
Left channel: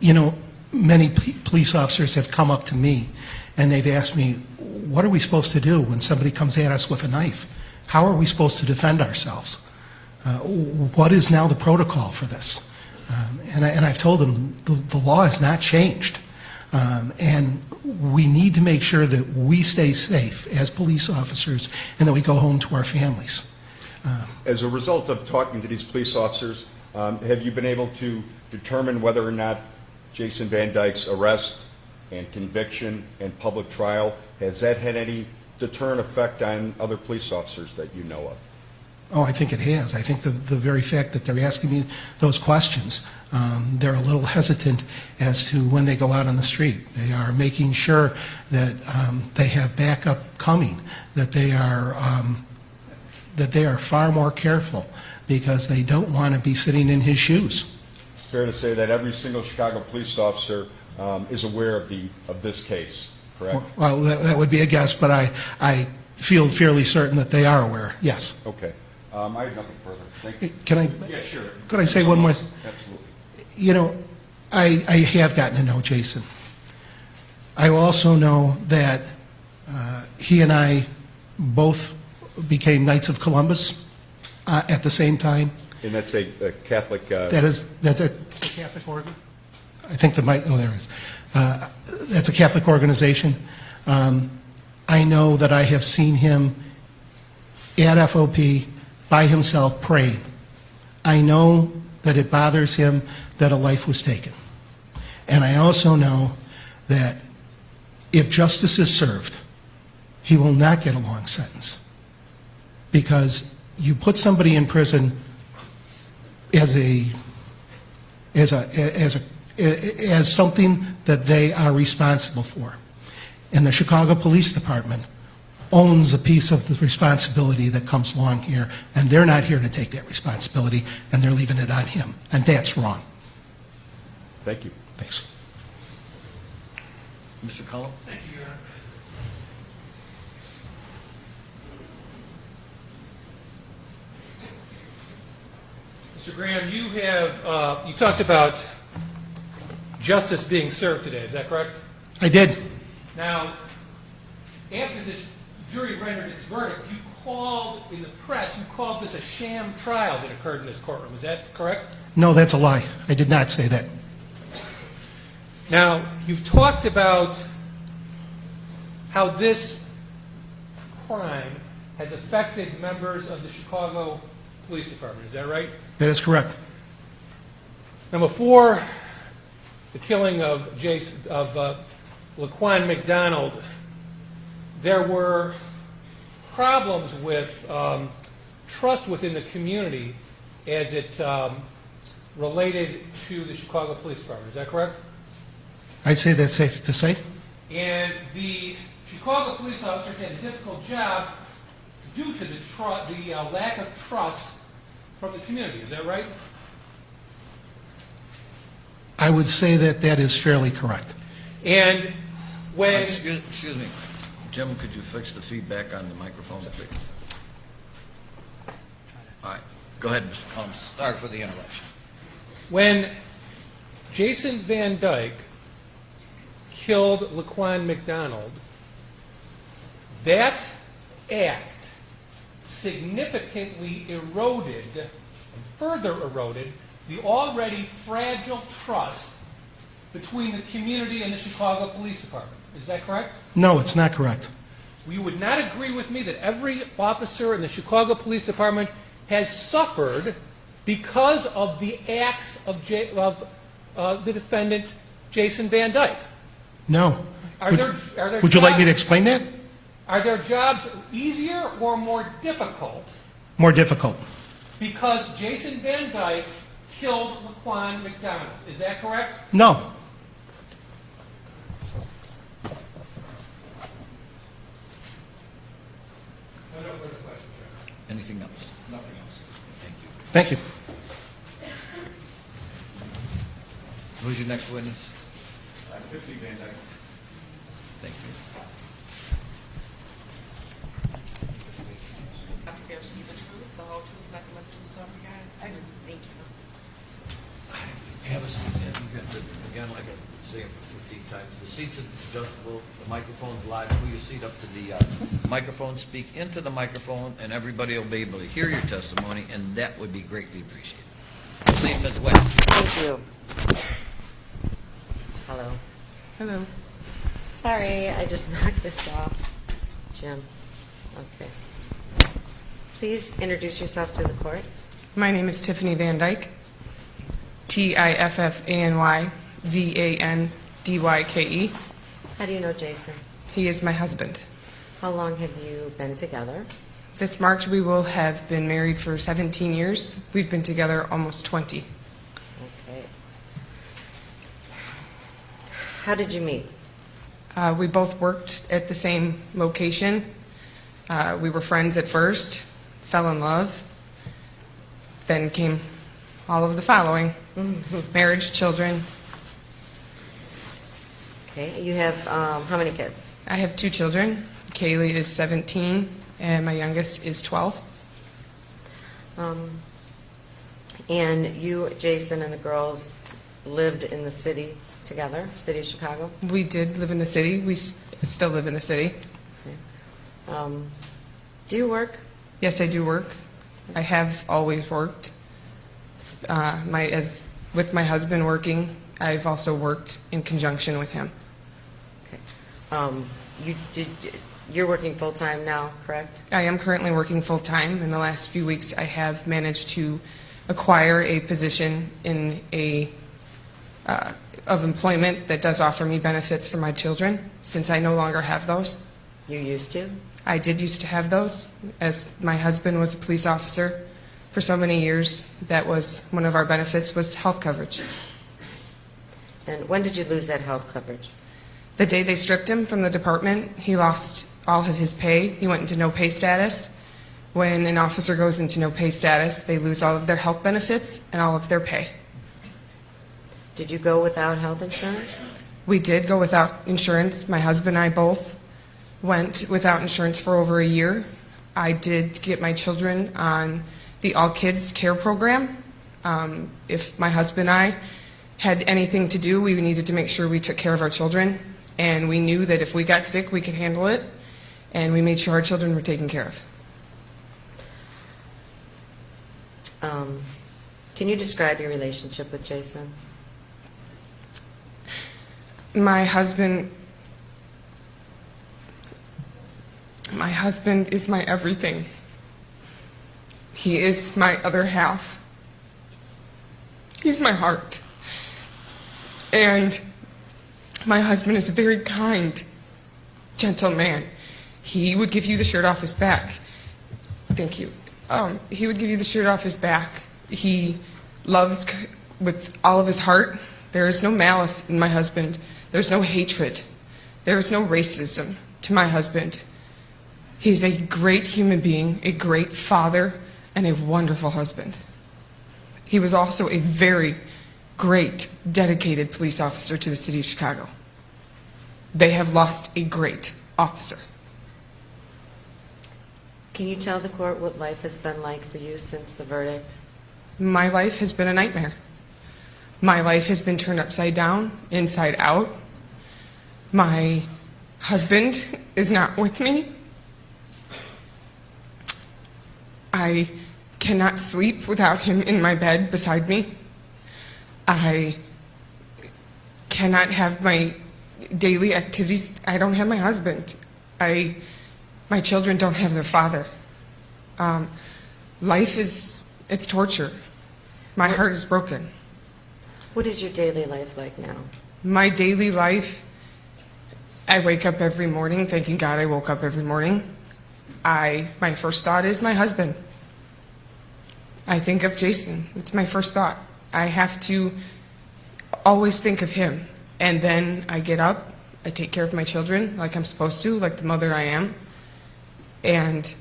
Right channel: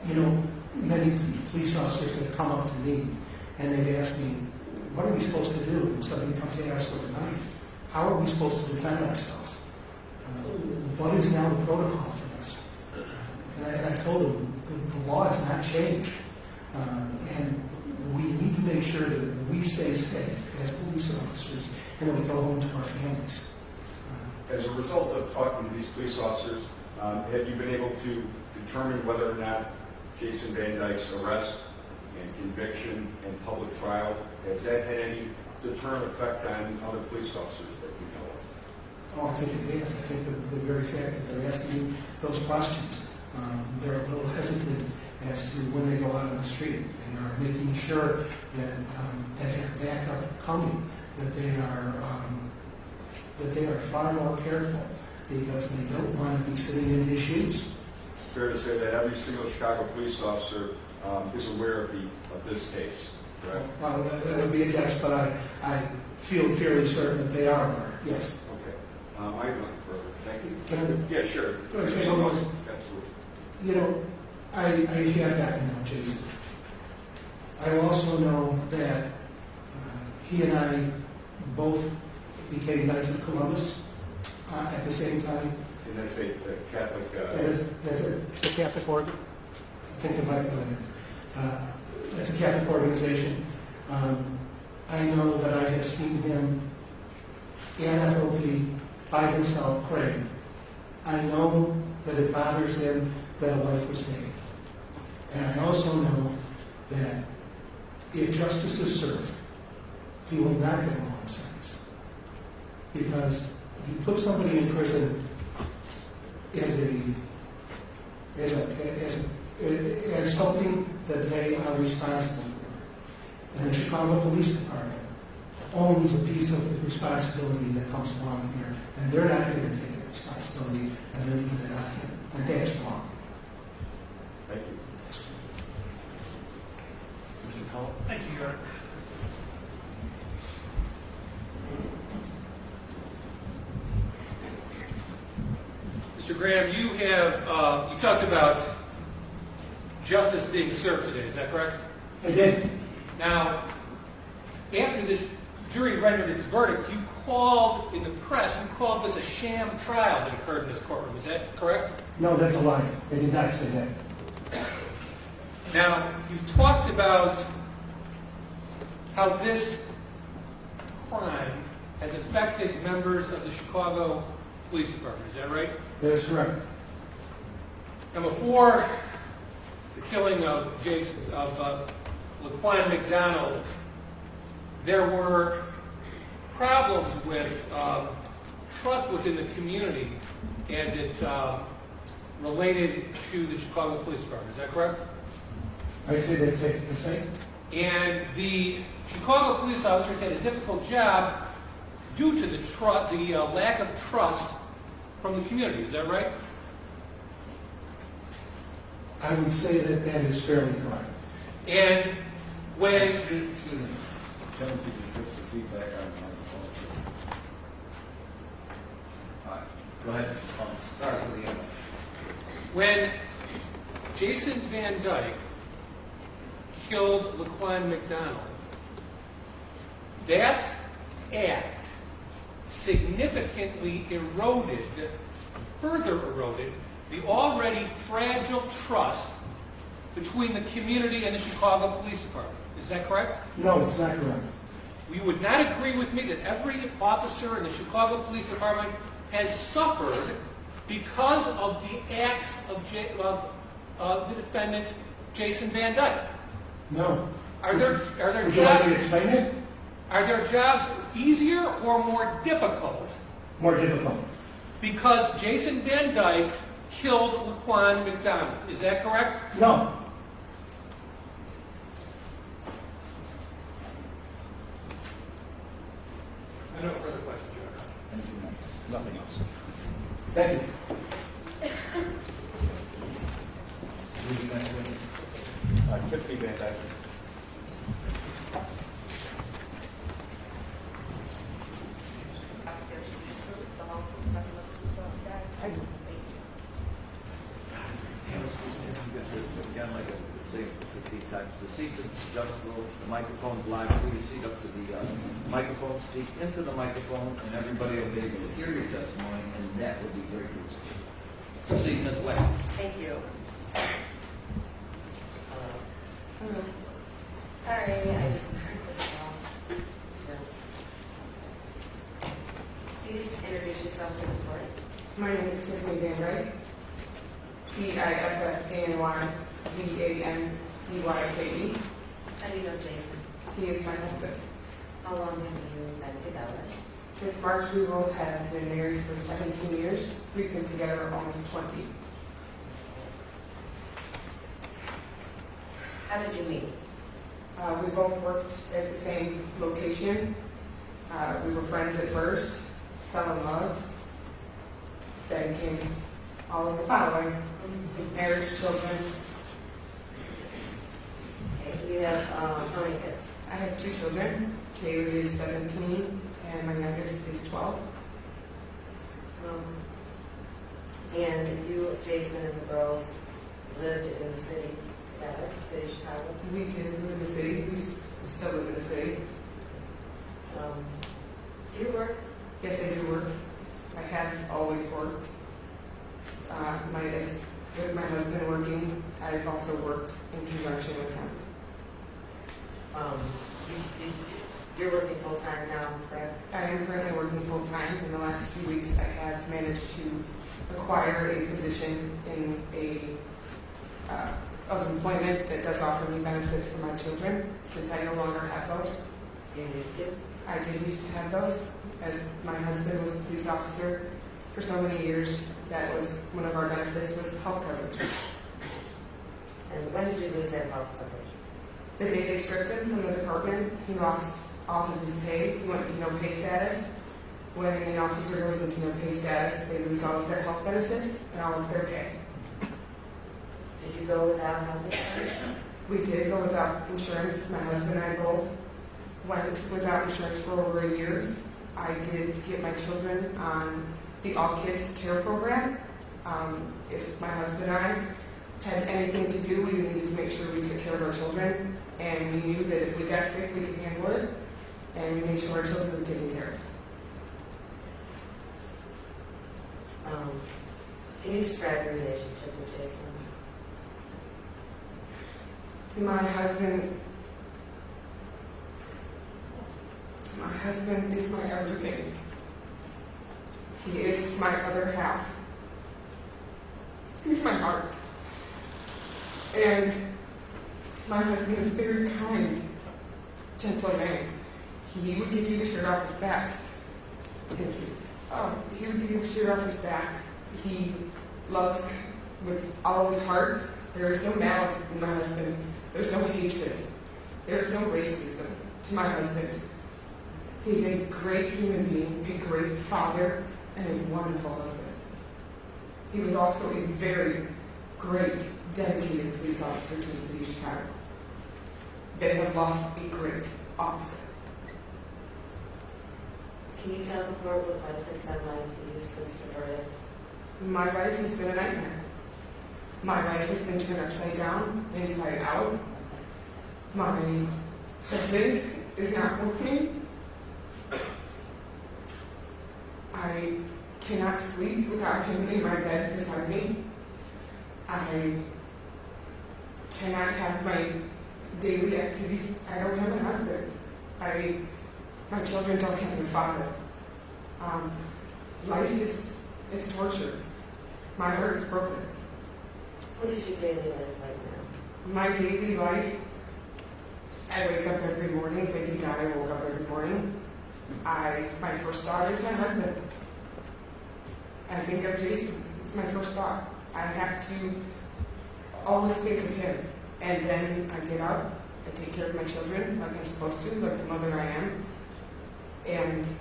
You know, many police officers have come up to me and they've asked me, what are we supposed to do when somebody comes at us with a knife? How are we supposed to defend ourselves? What is now the protocol for this? And I've told them the law has not changed. And we need to make sure that we stay safe as police officers and that we go home to our families. As a result of talking to these police officers, have you been able to determine whether or not Jason Van Dyke's arrest and conviction and public trial, has that had any deterrent effect on other police officers that you know of? Oh, I think it has. I think the very fact that they're asking me those questions, they're a little hesitant as to when they go out on the street. They are making sure that they have backup coming, that they are far more careful because they don't want to be sitting in his shoes. Fair to say that every single Chicago police officer is aware of this case, correct? Well, that would be a guess, but I feel fairly certain that they are aware, yes. Okay. I have nothing further. Thank you. Can I? Yeah, sure. Could I say one more? Absolutely. You know, I have gotten to know Jason. I also know that he and I both became Knights of Columbus at the same time. And that's a Catholic... That's a Catholic organ. I think there it is. That's a Catholic organization. I know that I have seen him at FOP by himself praying. I know that it bothers him that a life was taken. And I also know that if justice is served, he will not get a long sentence. Because you put somebody in prison as something that they are responsible for. And the Chicago Police Department owns a piece of the responsibility that comes along here, and they're not here to take that responsibility, and they're leaving it on him, and that's wrong. Thank you. Thanks. Mr. Cullen? Thank you, Your Honor. Mr. Graham, you have, you talked about justice being served today, is that correct? I did. Now, after this jury rendered its verdict, you called, in the press, you called this a sham trial that occurred in this courtroom, is that correct? No, that's a lie. I did not say that. Now, you've talked about how this crime has affected members of the Chicago Police Department, is that right? That is correct. Now, before the killing of Laquan McDonald, there were problems with trust within the community as it related to the Chicago Police Department. Is that correct? I'd say that's safe to say. And the Chicago police officers had a difficult job due to the lack of trust from the community. Is that right? I would say that that is fairly correct. And when... Excuse me. Jim, could you fix the feedback on the microphones, please? All right. Go ahead, Mr. Thomas. Sorry for the interruption. When Jason Van Dyke killed Laquan McDonald, that act significantly eroded, further eroded, the already fragile trust between the community and the Chicago Police Department. Is that correct? No, it's not correct. You would not agree with me that every officer in the Chicago Police Department has suffered because of the acts of the defendant, Jason Van Dyke. No. Would you like me to explain that? Are their jobs easier or more difficult More difficult. because Jason Van Dyke killed Laquan McDonald? Is that correct? No. I don't have further questions, Your Honor. Anything else? Nothing else. Thank you. Who's your next witness? Tiffany Van Dyke. Thank you. I swear to you the truth, the whole truth, nothing but the truth, so help me God. I do. Thank you. Have a seat. You guys have, again, like I say it 15 times. The seats are adjustable, the microphone's live. Pull your seat up to the microphone, speak into the microphone, and everybody will be able to hear your testimony, and that would be greatly appreciated. See, Ms. Webb. Thank you. Hello. Hello. Sorry, I just knocked this off. Jim. Okay. Please introduce yourself to the court. My name is Tiffany Van Dyke, TIFFANYVANDYKE. How do you know Jason? He is my husband. How long have you been together? This March we will have been married for 17 years. We've been together almost 20. Okay. How did you meet? We both worked at the same location. We were friends at first, fell in love, then came all of the following: marriage, children. Okay. You have how many kids? I have 2 children. Kaylee is 17 and my youngest is 12. And you, Jason, and the girls lived in the city together, city of Chicago? We did live in the city. We still live in the city. Do you work? Yes, I do work. I have always worked. With my husband working, I've also worked in conjunction with him. Okay. You're working full-time now, correct? I am currently working full-time. In the last few weeks, I have managed to acquire a position in of employment that does offer me benefits for my children, since I no longer have those. You used to? I did used to have those, as my husband was a police officer for so many years. That was one of our benefits, was health coverage. And when did you lose that health coverage? The day they stripped him from the department, he lost all of his pay. He went into no pay status. When an officer goes into no pay status, they lose all of their health benefits and all of their pay. Did you go without health insurance? We did go without insurance. My husband and I both went without insurance for over a year. I did get my children on the All Kids Care program, If my husband and I had anything to do, we needed to make sure we took care of our children, and we knew that if we got sick, we could handle it, and we made sure our children were taken care of. Can you describe your relationship with Jason? My husband is my everything. He is my other half. He's my heart. And my husband is a very kind, gentle man. He would give you the shirt off his back. Thank you. He would give you the shirt off his back. He loves with all of his heart. There is no malice in my husband. There's no hatred. There is no racism to my husband. He's a great human being, a great father, and a wonderful husband. He was also a very great, dedicated police officer to the city of Chicago. They have lost a great officer. Can you tell the court what life has been like for you since the verdict? My life has been a nightmare. My life has been turned upside down, inside out. My husband is not with me. I cannot sleep without him in my bed beside me. I cannot have my daily activities. I don't have my husband. My children don't have their father. Life is, it's torture. My heart is broken. What is your daily life like now? My daily life, I wake up every morning thanking God I woke up every morning. My first thought is my husband. I think of Jason. It's my first thought. I have to always think of him. And then I get up, I take care of my children like I'm supposed to, like the mother I am. And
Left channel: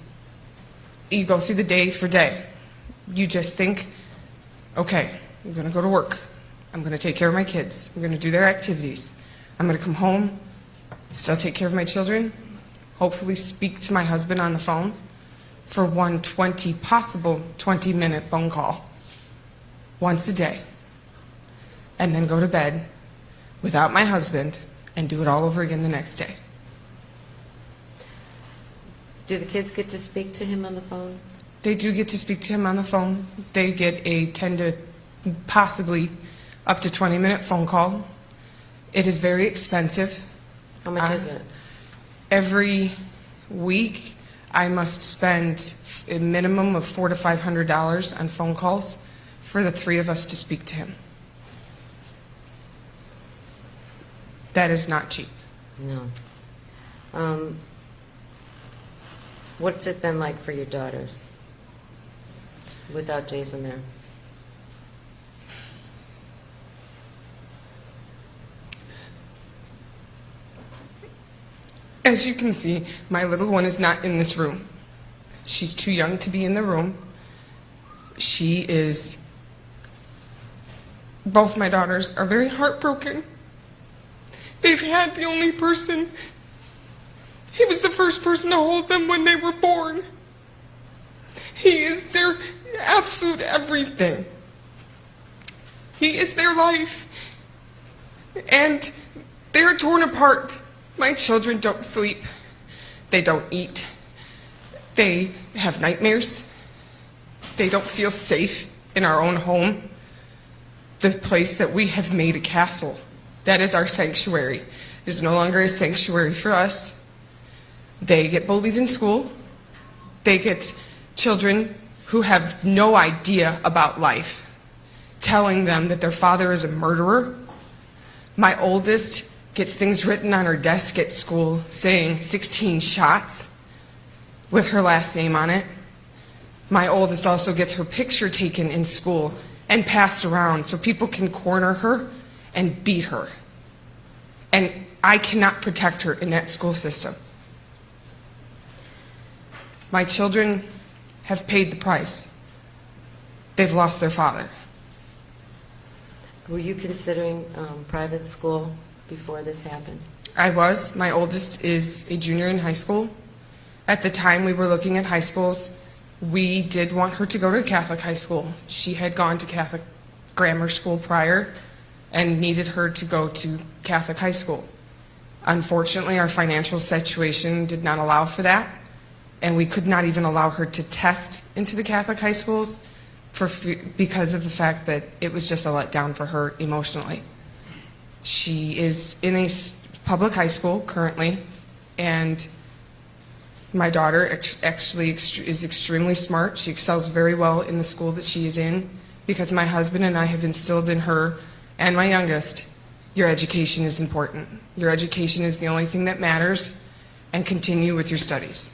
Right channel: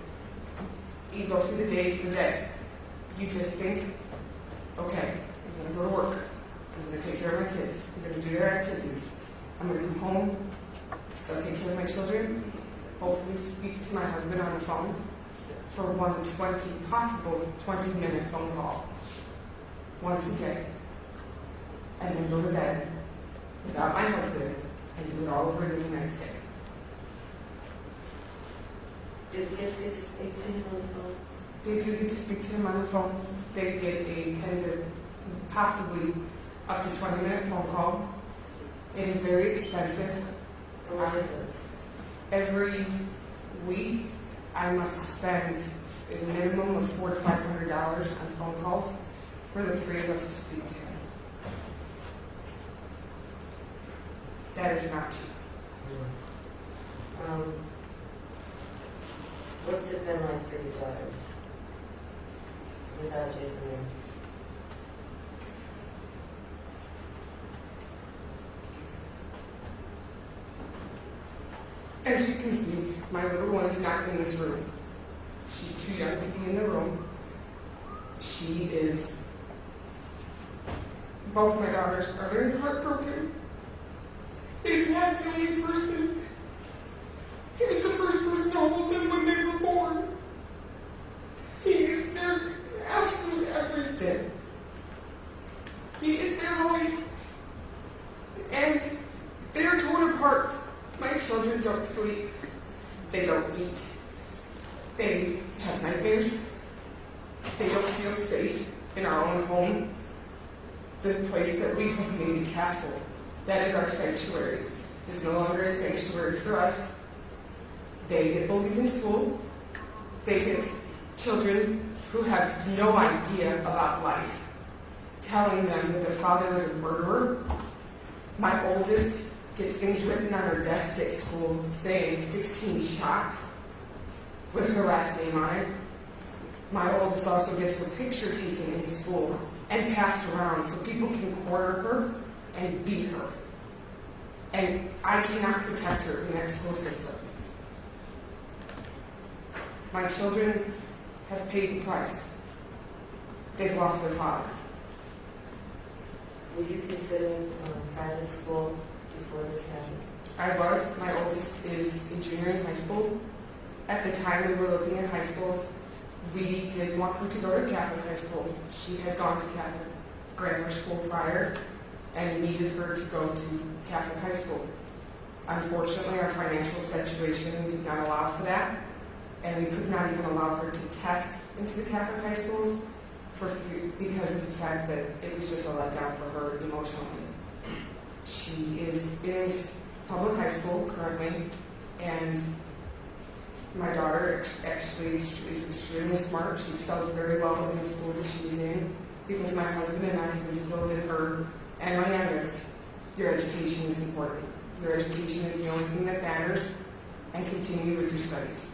you go through the day for day. You just think, okay, I'm gonna go to work. I'm gonna take care of my kids. I'm gonna do their activities. I'm gonna come home, still take care of my children, hopefully speak to my husband on the phone for one possible 20-minute phone call once a day, and then go to bed without my husband and do it all over again the next day. Do the kids get to speak to him on the phone? They do get to speak to him on the phone. They get a 10 to possibly up to 20-minute phone call. It is very expensive. How much is it? Every week, I must spend a minimum of $400 to $500 on phone calls for the three of us to speak to him. That is not cheap. No. What's it been like for your daughters without Jason there? As you can see, my little one is not in this room. She's too young to be in the room. Both my daughters are very heartbroken. They've had the only person, he was the first person to hold them when they were born. He is their absolute everything. He is their life. And they're torn apart. My children don't sleep. They don't eat. They have nightmares. They don't feel safe in our own home. The place that we have made a castle. That is our sanctuary. It is no longer a sanctuary for us. They get bullied in school. They get children who have no idea about life telling them that their father is a murderer. My oldest gets things written on her desk at school saying 16 shots with her last name on it. My oldest also gets her picture taken in school and passed around so people can corner her and beat her. And I cannot protect her in that school system. My children have paid the price. They've lost their father. Were you considering private school before this happened? I was. My oldest is a junior in high school. At the time we were looking at high schools, We did want her to go to Catholic high school. She had gone to Catholic grammar school prior and needed her to go to Catholic high school. Unfortunately, our financial situation did not allow for that, and we could not even allow her to test into the Catholic high schools because of the fact that it was just a letdown for her emotionally. She is in a public high school currently, and my daughter actually is extremely smart. She excels very well in the school that she is in because my husband and I have instilled in her and my youngest, your education is important. Your education is the only thing that matters, and continue with your studies.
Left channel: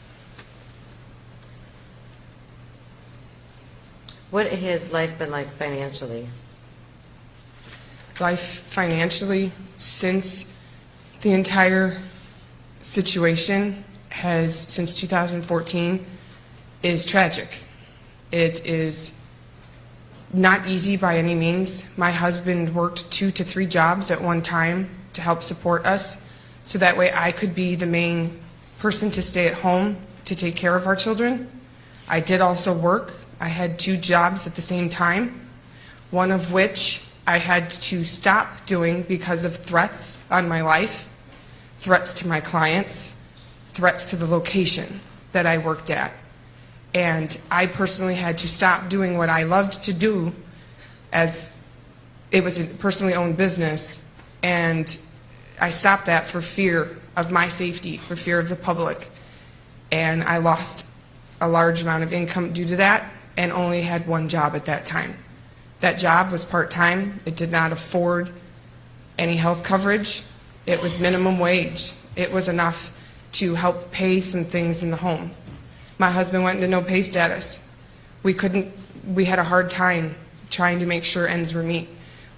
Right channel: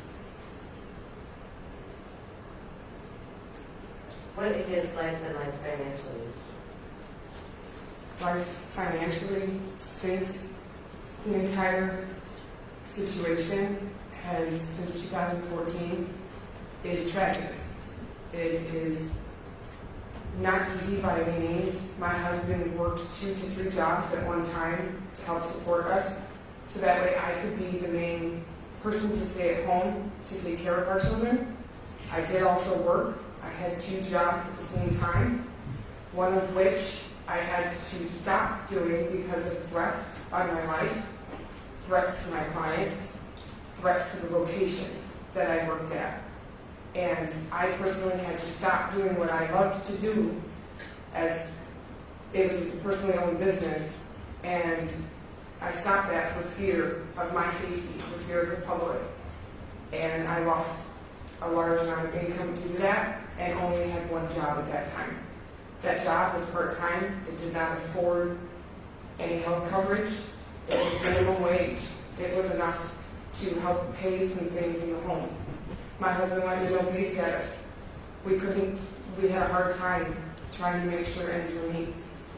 What has life been like financially? Life financially, since the entire situation since 2014, is tragic. It is not easy by any means. My husband worked 2 to 3 jobs at one time to help support us, so that way I could be the main person to stay at home to take care of our children. I did also work. I had 2 jobs at the same time, one of which I had to stop doing because of threats on my life, threats to my clients, threats to the location that I worked at. And I personally had to stop doing what I loved to do, as it was a personally owned business, and I stopped that for fear of my safety, for fear of the public. And I lost a large amount of income due to that, and only had 1 job at that time. That job was part-time. It did not afford any health coverage. It was minimum wage. It was enough to help pay some things in the home. My husband went into no pay status. We had a hard time trying to make sure ends were met.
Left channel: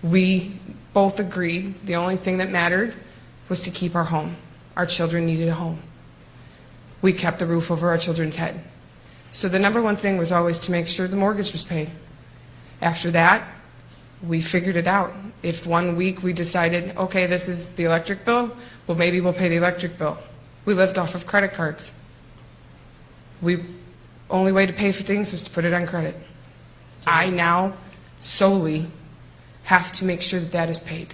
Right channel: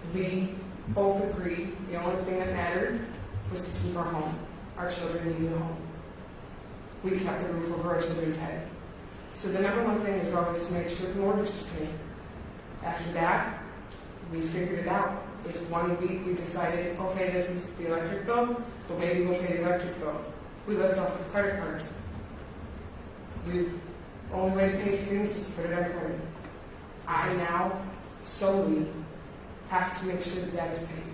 We both agreed the only thing that mattered was to keep our home. Our children needed a home. We kept the roof over our children's head. So the number one thing was always to make sure the mortgage was paid. After that, we figured it out. If one week we decided, okay, this is the electric bill, well, maybe we'll pay the electric bill. We lived off of credit cards. Only way to pay for things was to put it on credit. I now solely have to make sure that that is paid.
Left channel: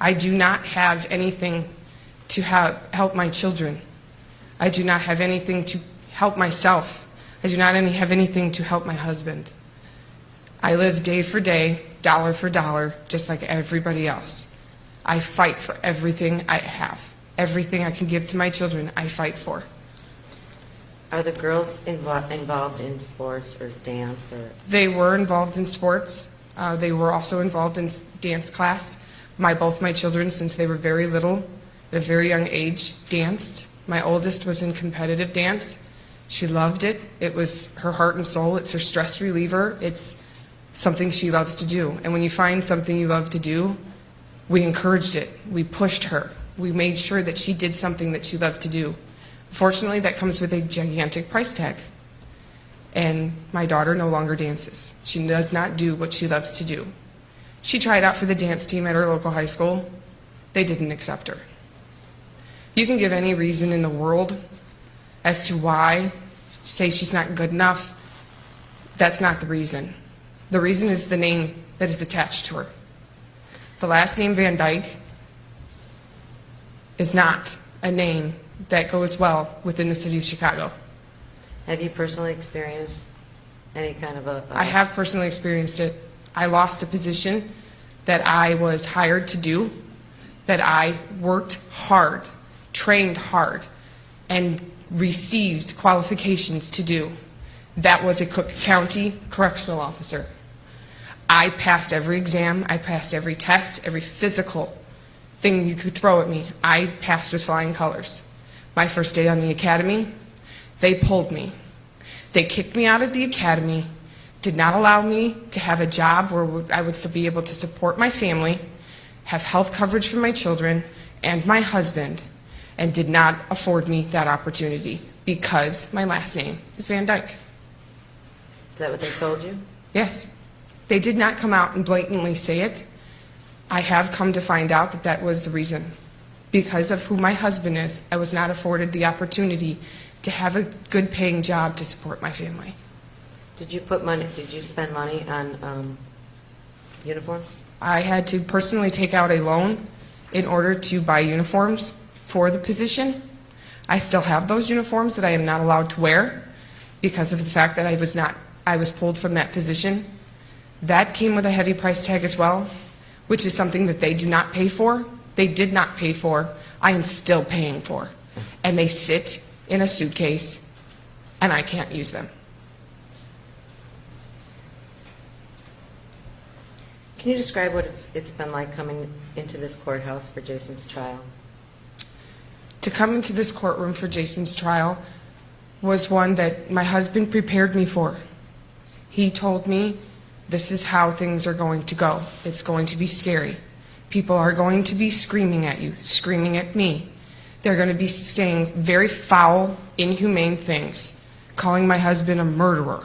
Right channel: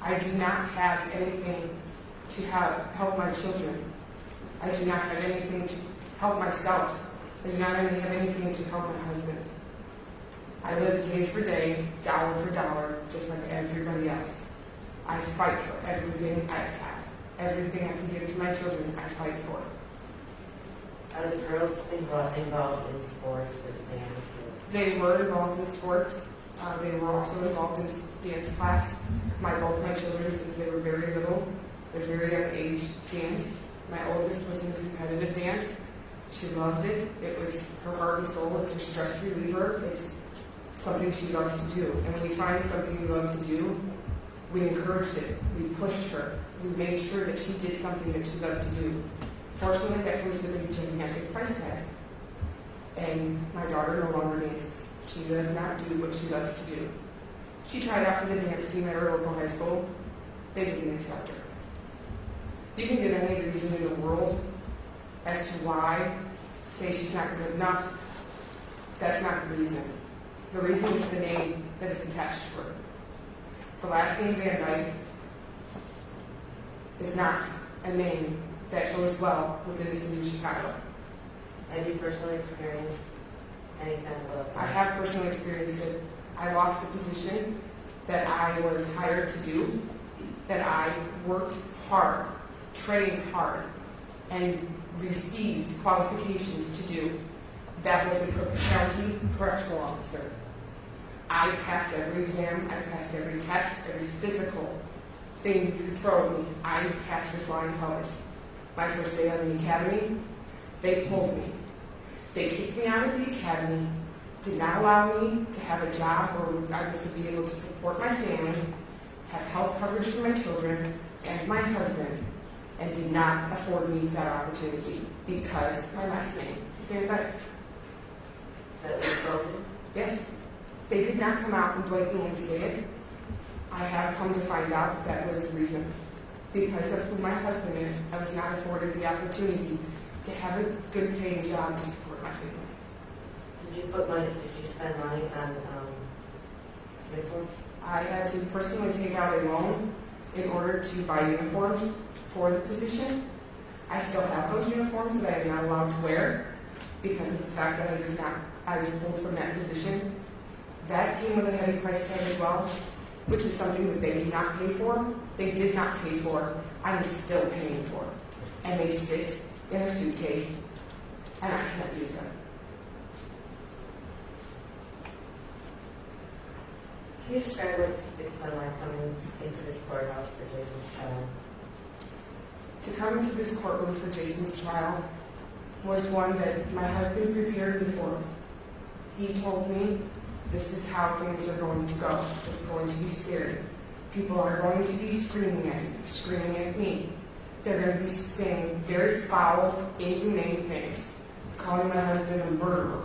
I do not have anything to help my children. I do not have anything to help myself. I do not have anything to help my husband. I live day for day, dollar for dollar, just like everybody else. I fight for everything I have. Everything I can give to my children, I fight for. Are the girls involved in sports or dance? They were involved in sports. They were also involved in dance class. Both my children, since they were very little, at a very young age, danced. My oldest was in competitive dance. She loved it. It was her heart and soul. It's her stress reliever. It's something she loves to do. And when you find something you love to do, we encouraged it. We pushed her. We made sure that she did something that she loved to do. Fortunately, that comes with a gigantic price tag. And my daughter no longer dances. She does not do what she loves to do. She tried out for the dance team at her local high school. They didn't accept her. You can give any reason in the world as to why, say she's not good enough. That's not the reason. The reason is the name that is attached to her. The last name Van Dyke is not a name that goes well within the city of Chicago. Have you personally experienced any kind of I have personally experienced it. I lost a position that I was hired to do, that I worked hard, trained hard, and received qualifications to do. That was a Cook County correctional officer. I passed every exam, I passed every test, every physical thing you could throw at me. I passed with flying colors. My first day on the academy, they pulled me. They kicked me out of the academy, did not allow me to have a job where I would be able to support my family, have health coverage for my children and my husband, and did not afford me that opportunity because my last name is Van Dyke. Is that what they told you? Yes. They did not come out and blatantly say it. I have come to find out that that was the reason. Because of who my husband is, I was not afforded the opportunity to have a good paying job to support my family. Did you spend money on uniforms? I had to personally take out a loan in order to buy uniforms for the position. I still have those uniforms that I am not allowed to wear because of the fact that I was pulled from that position. That came with a heavy price tag as well, which is something that they do not pay for. They did not pay for. I am still paying for. And they sit in a suitcase, and I can't use them. Can you describe what it's been like coming into this courthouse for Jason's trial? To come into this courtroom for Jason's trial was one that my husband prepared me for. He told me, this is how things are going to go. It's going to be scary. People are going to be screaming at you, screaming at me. They're going to be saying very foul, inhumane things, calling my husband a murderer.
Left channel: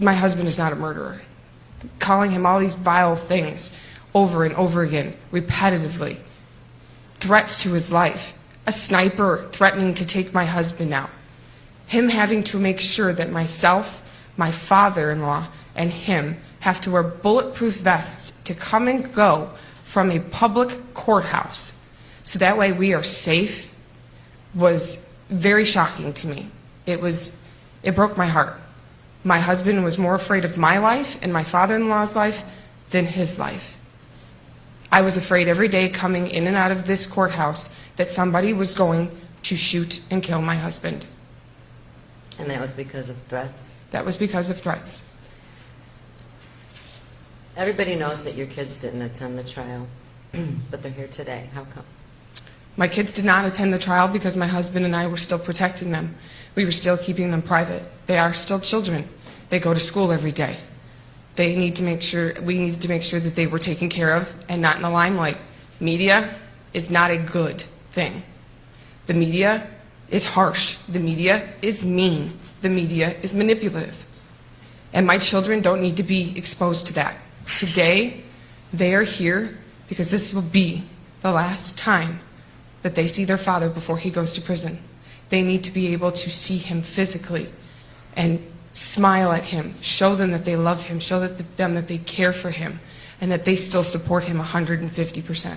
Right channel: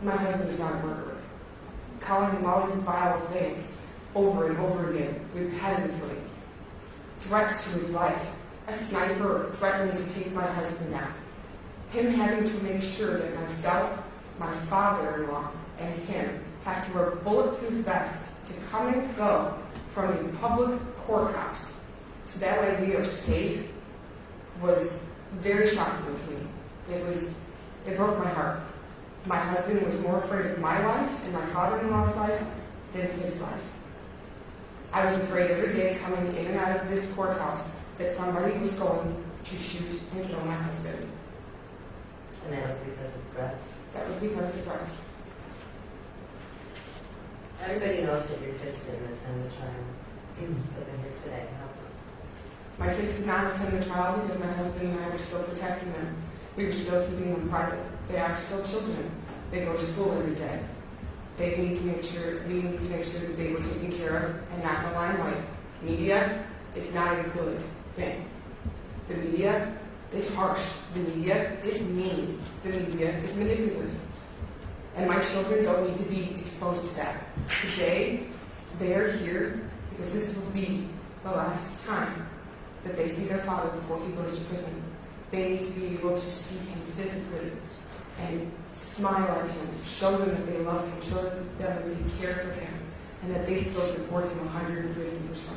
My husband is not a murderer. Calling him all these vile things over and over again, repetitively. Threats to his life. A sniper threatening to take my husband out. Him having to make sure that myself, my father-in-law, and him have to wear bulletproof vests to come and go from a public courthouse so that way we are safe was very shocking to me. It broke my heart. My husband was more afraid of my life and my father-in-law's life than his life. I was afraid every day coming in and out of this courthouse that somebody was going to shoot and kill my husband. And that was because of threats? That was because of threats. Everybody knows that your kids didn't attend the trial, but they're here today. How come? My kids did not attend the trial because my husband and I were still protecting them. We were still keeping them private. They are still children. They go to school every day. We needed to make sure that they were taken care of and not in the limelight. Media is not a good thing. The media is harsh. The media is mean. The media is manipulative. And my children don't need to be exposed to that. Today, they are here because this will be the last time that they see their father before he goes to prison. They need to be able to see him physically and smile at him, show them that they love him, show them that they care for him, and that they still support him 150%.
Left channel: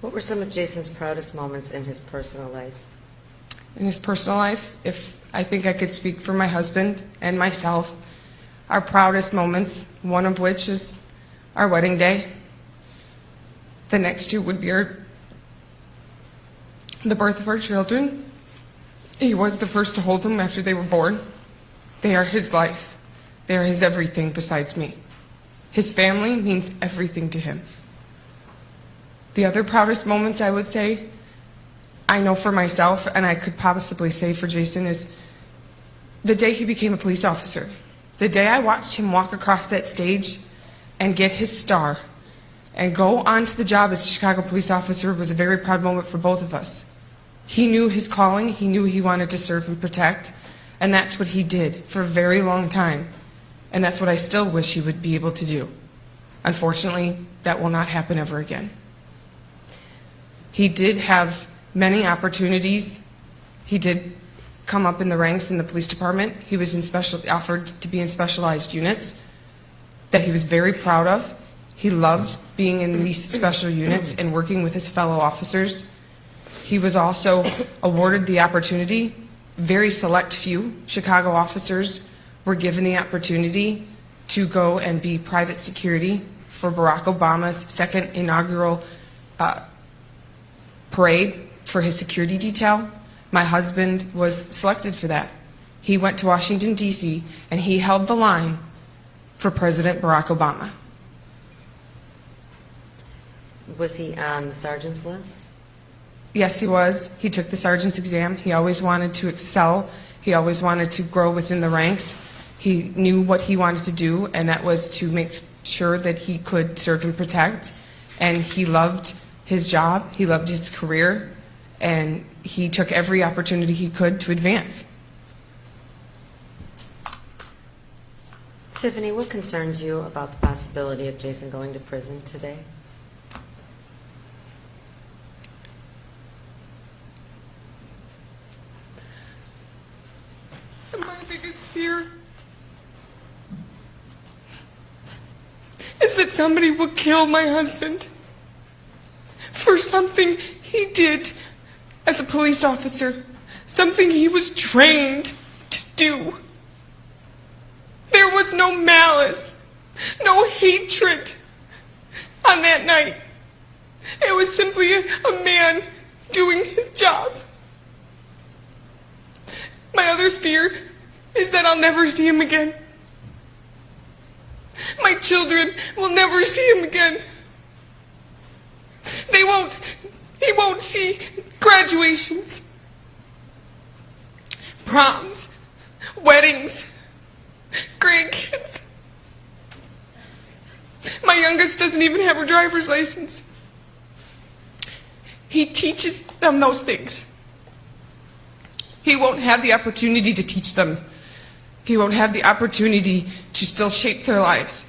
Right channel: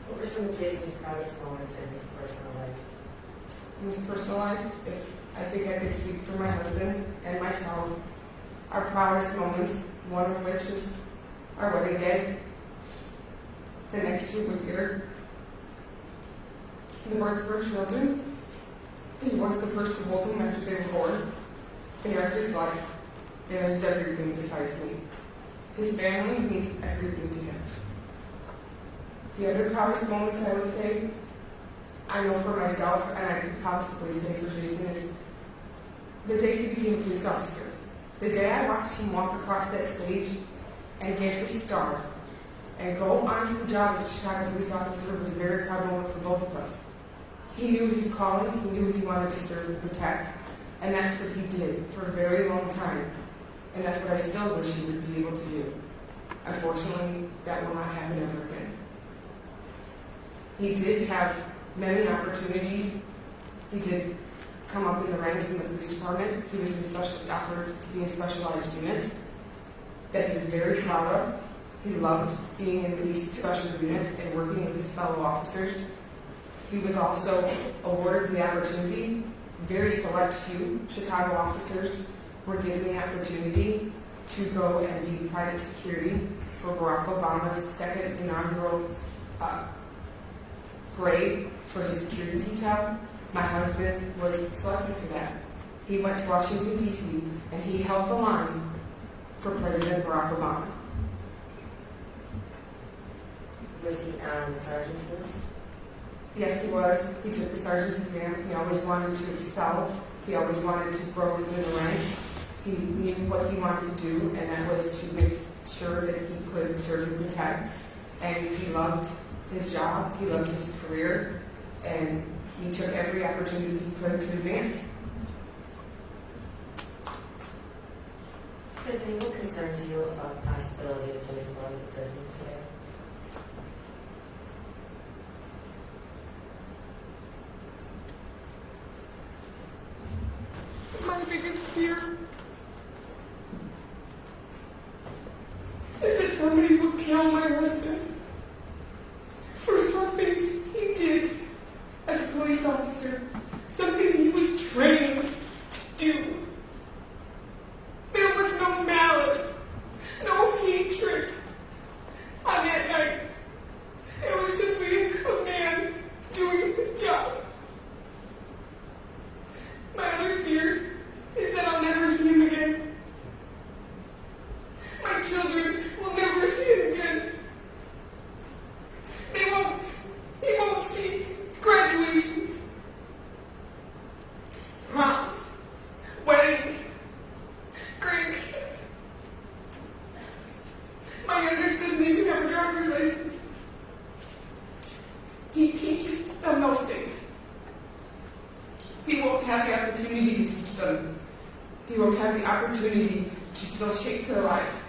What were some of Jason's proudest moments in his personal life? In his personal life, if I think I could speak for my husband and myself, our proudest moments, one of which is our wedding day. The next two would be the birth of our children. He was the first to hold them after they were born. They are his life. They are his everything besides me. His family means everything to him. The other proudest moments, I would say, I know for myself, and I could possibly say for Jason, is the day he became a police officer. The day I watched him walk across that stage and get his star and go on to the job as a Chicago police officer was a very proud moment for both of us. He knew his calling, he knew he wanted to serve and protect, and that's what he did for a very long time. And that's what I still wish he would be able to do. Unfortunately, that will not happen ever again. He did have many opportunities. He did come up in the ranks in the police department. He was offered to be in specialized units that he was very proud of. He loved being in these special units and working with his fellow officers. He was also awarded the opportunity. Very select few Chicago officers were given the opportunity to go and be private security for Barack Obama's second inaugural parade for his security detail. My husband was selected for that. He went to Washington, D.C., and he held the line for President Barack Obama. Was he on the sergeant's list? Yes, he was. He took the sergeant's exam. He always wanted to excel. He always wanted to grow within the ranks. He knew what he wanted to do, and that was to make sure that he could serve and protect. And he loved his job. He loved his career. And he took every opportunity he could to advance. Tiffany, what concerns you about the possibility of Jason going to prison today? My biggest fear is that somebody will kill my husband for something he did as a police officer, something he was trained to do. There was no malice, no hatred on that night. It was simply a man doing his job. My other fear is that I'll never see him again. My children will never see him again. He won't see graduations, proms, weddings, grandkids. My youngest doesn't even have her driver's license. He teaches them those things. He won't have the opportunity to teach them. He won't have the opportunity to still shape their lives.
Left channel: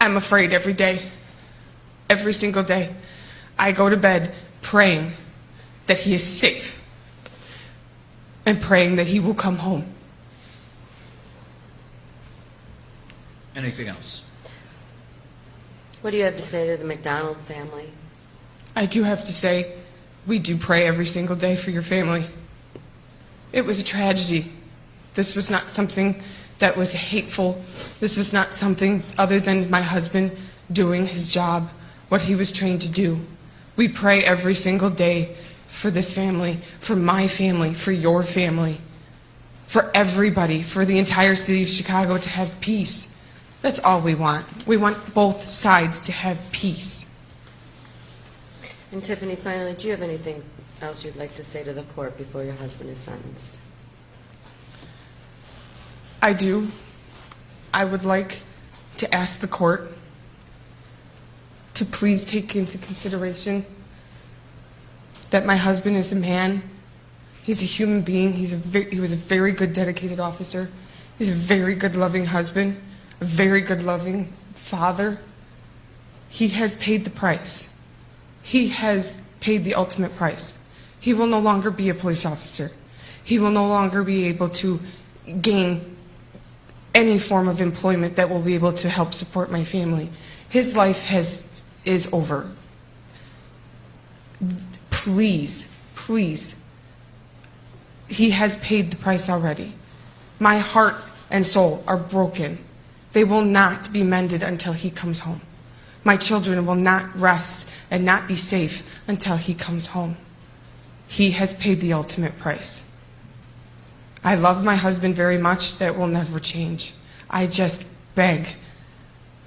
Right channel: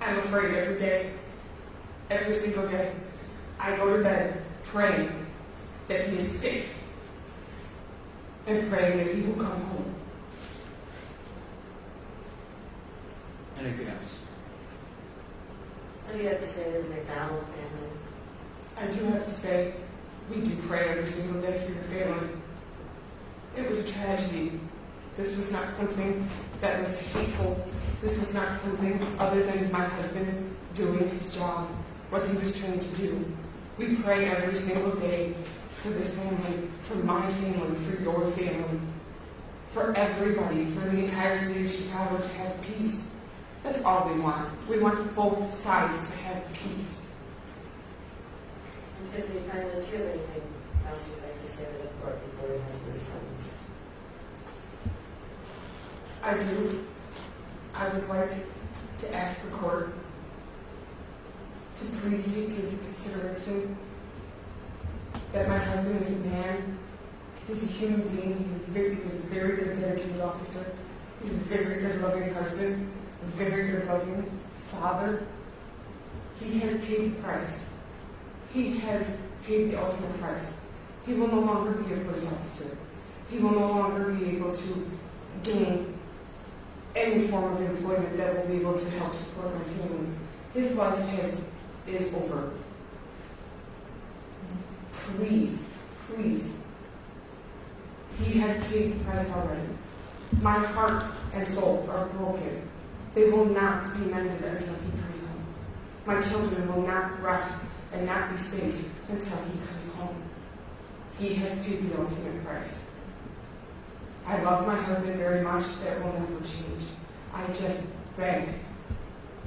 I'm afraid every day, every single day. I go to bed praying that he is safe and praying that he will come home. Anything else? What do you have to say to the McDonald family? I do have to say, we do pray every single day for your family. It was a tragedy. This was not something that was hateful. This was not something other than my husband doing his job, what he was trained to do. We pray every single day for this family, for my family, for your family, for everybody, for the entire city of Chicago to have peace. That's all we want. We want both sides to have peace. And Tiffany, finally, do you have anything else you'd like to say to the court before your husband is sentenced? I do. I would like to ask the court to please take into consideration that my husband is a man. He's a human being. He was a very good, dedicated officer. He's a very good, loving husband, a very good, loving father. He has paid the price. He has paid the ultimate price. He will no longer be a police officer. He will no longer be able to gain any form of employment that will be able to help support my family. His life is over. Please, please. He has paid the price already. My heart and soul are broken. They will not be mended until he comes home. My children will not rest and not be safe until he comes home. He has paid the ultimate price. I love my husband very much. That will never change. I just beg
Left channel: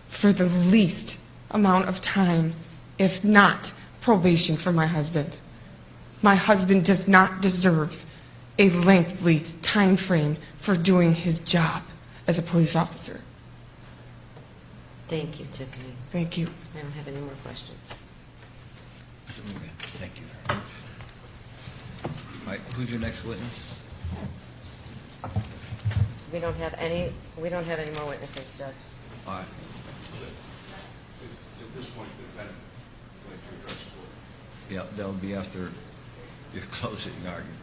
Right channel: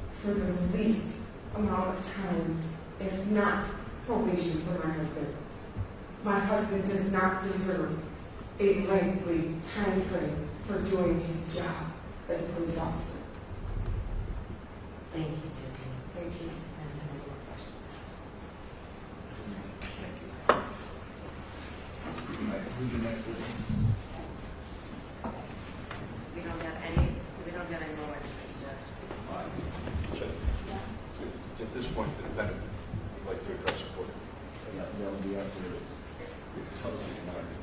for the least amount of time, if not probation, for my husband. My husband does not deserve a lengthy time frame for doing his job as a police officer. Thank you, Tiffany. Thank you. I don't have any more questions. Thank you. All right, who's your next witness? We don't have any more witnesses, Judge. All right. At this point, the defendant would like to address the court. Yeah, that'll be after your closing arguments.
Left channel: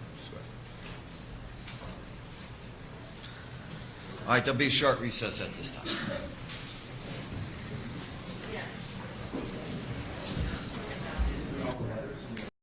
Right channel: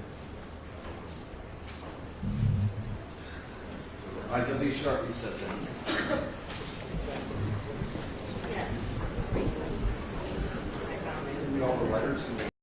All right, there'll be a short recess at this time. All the letters.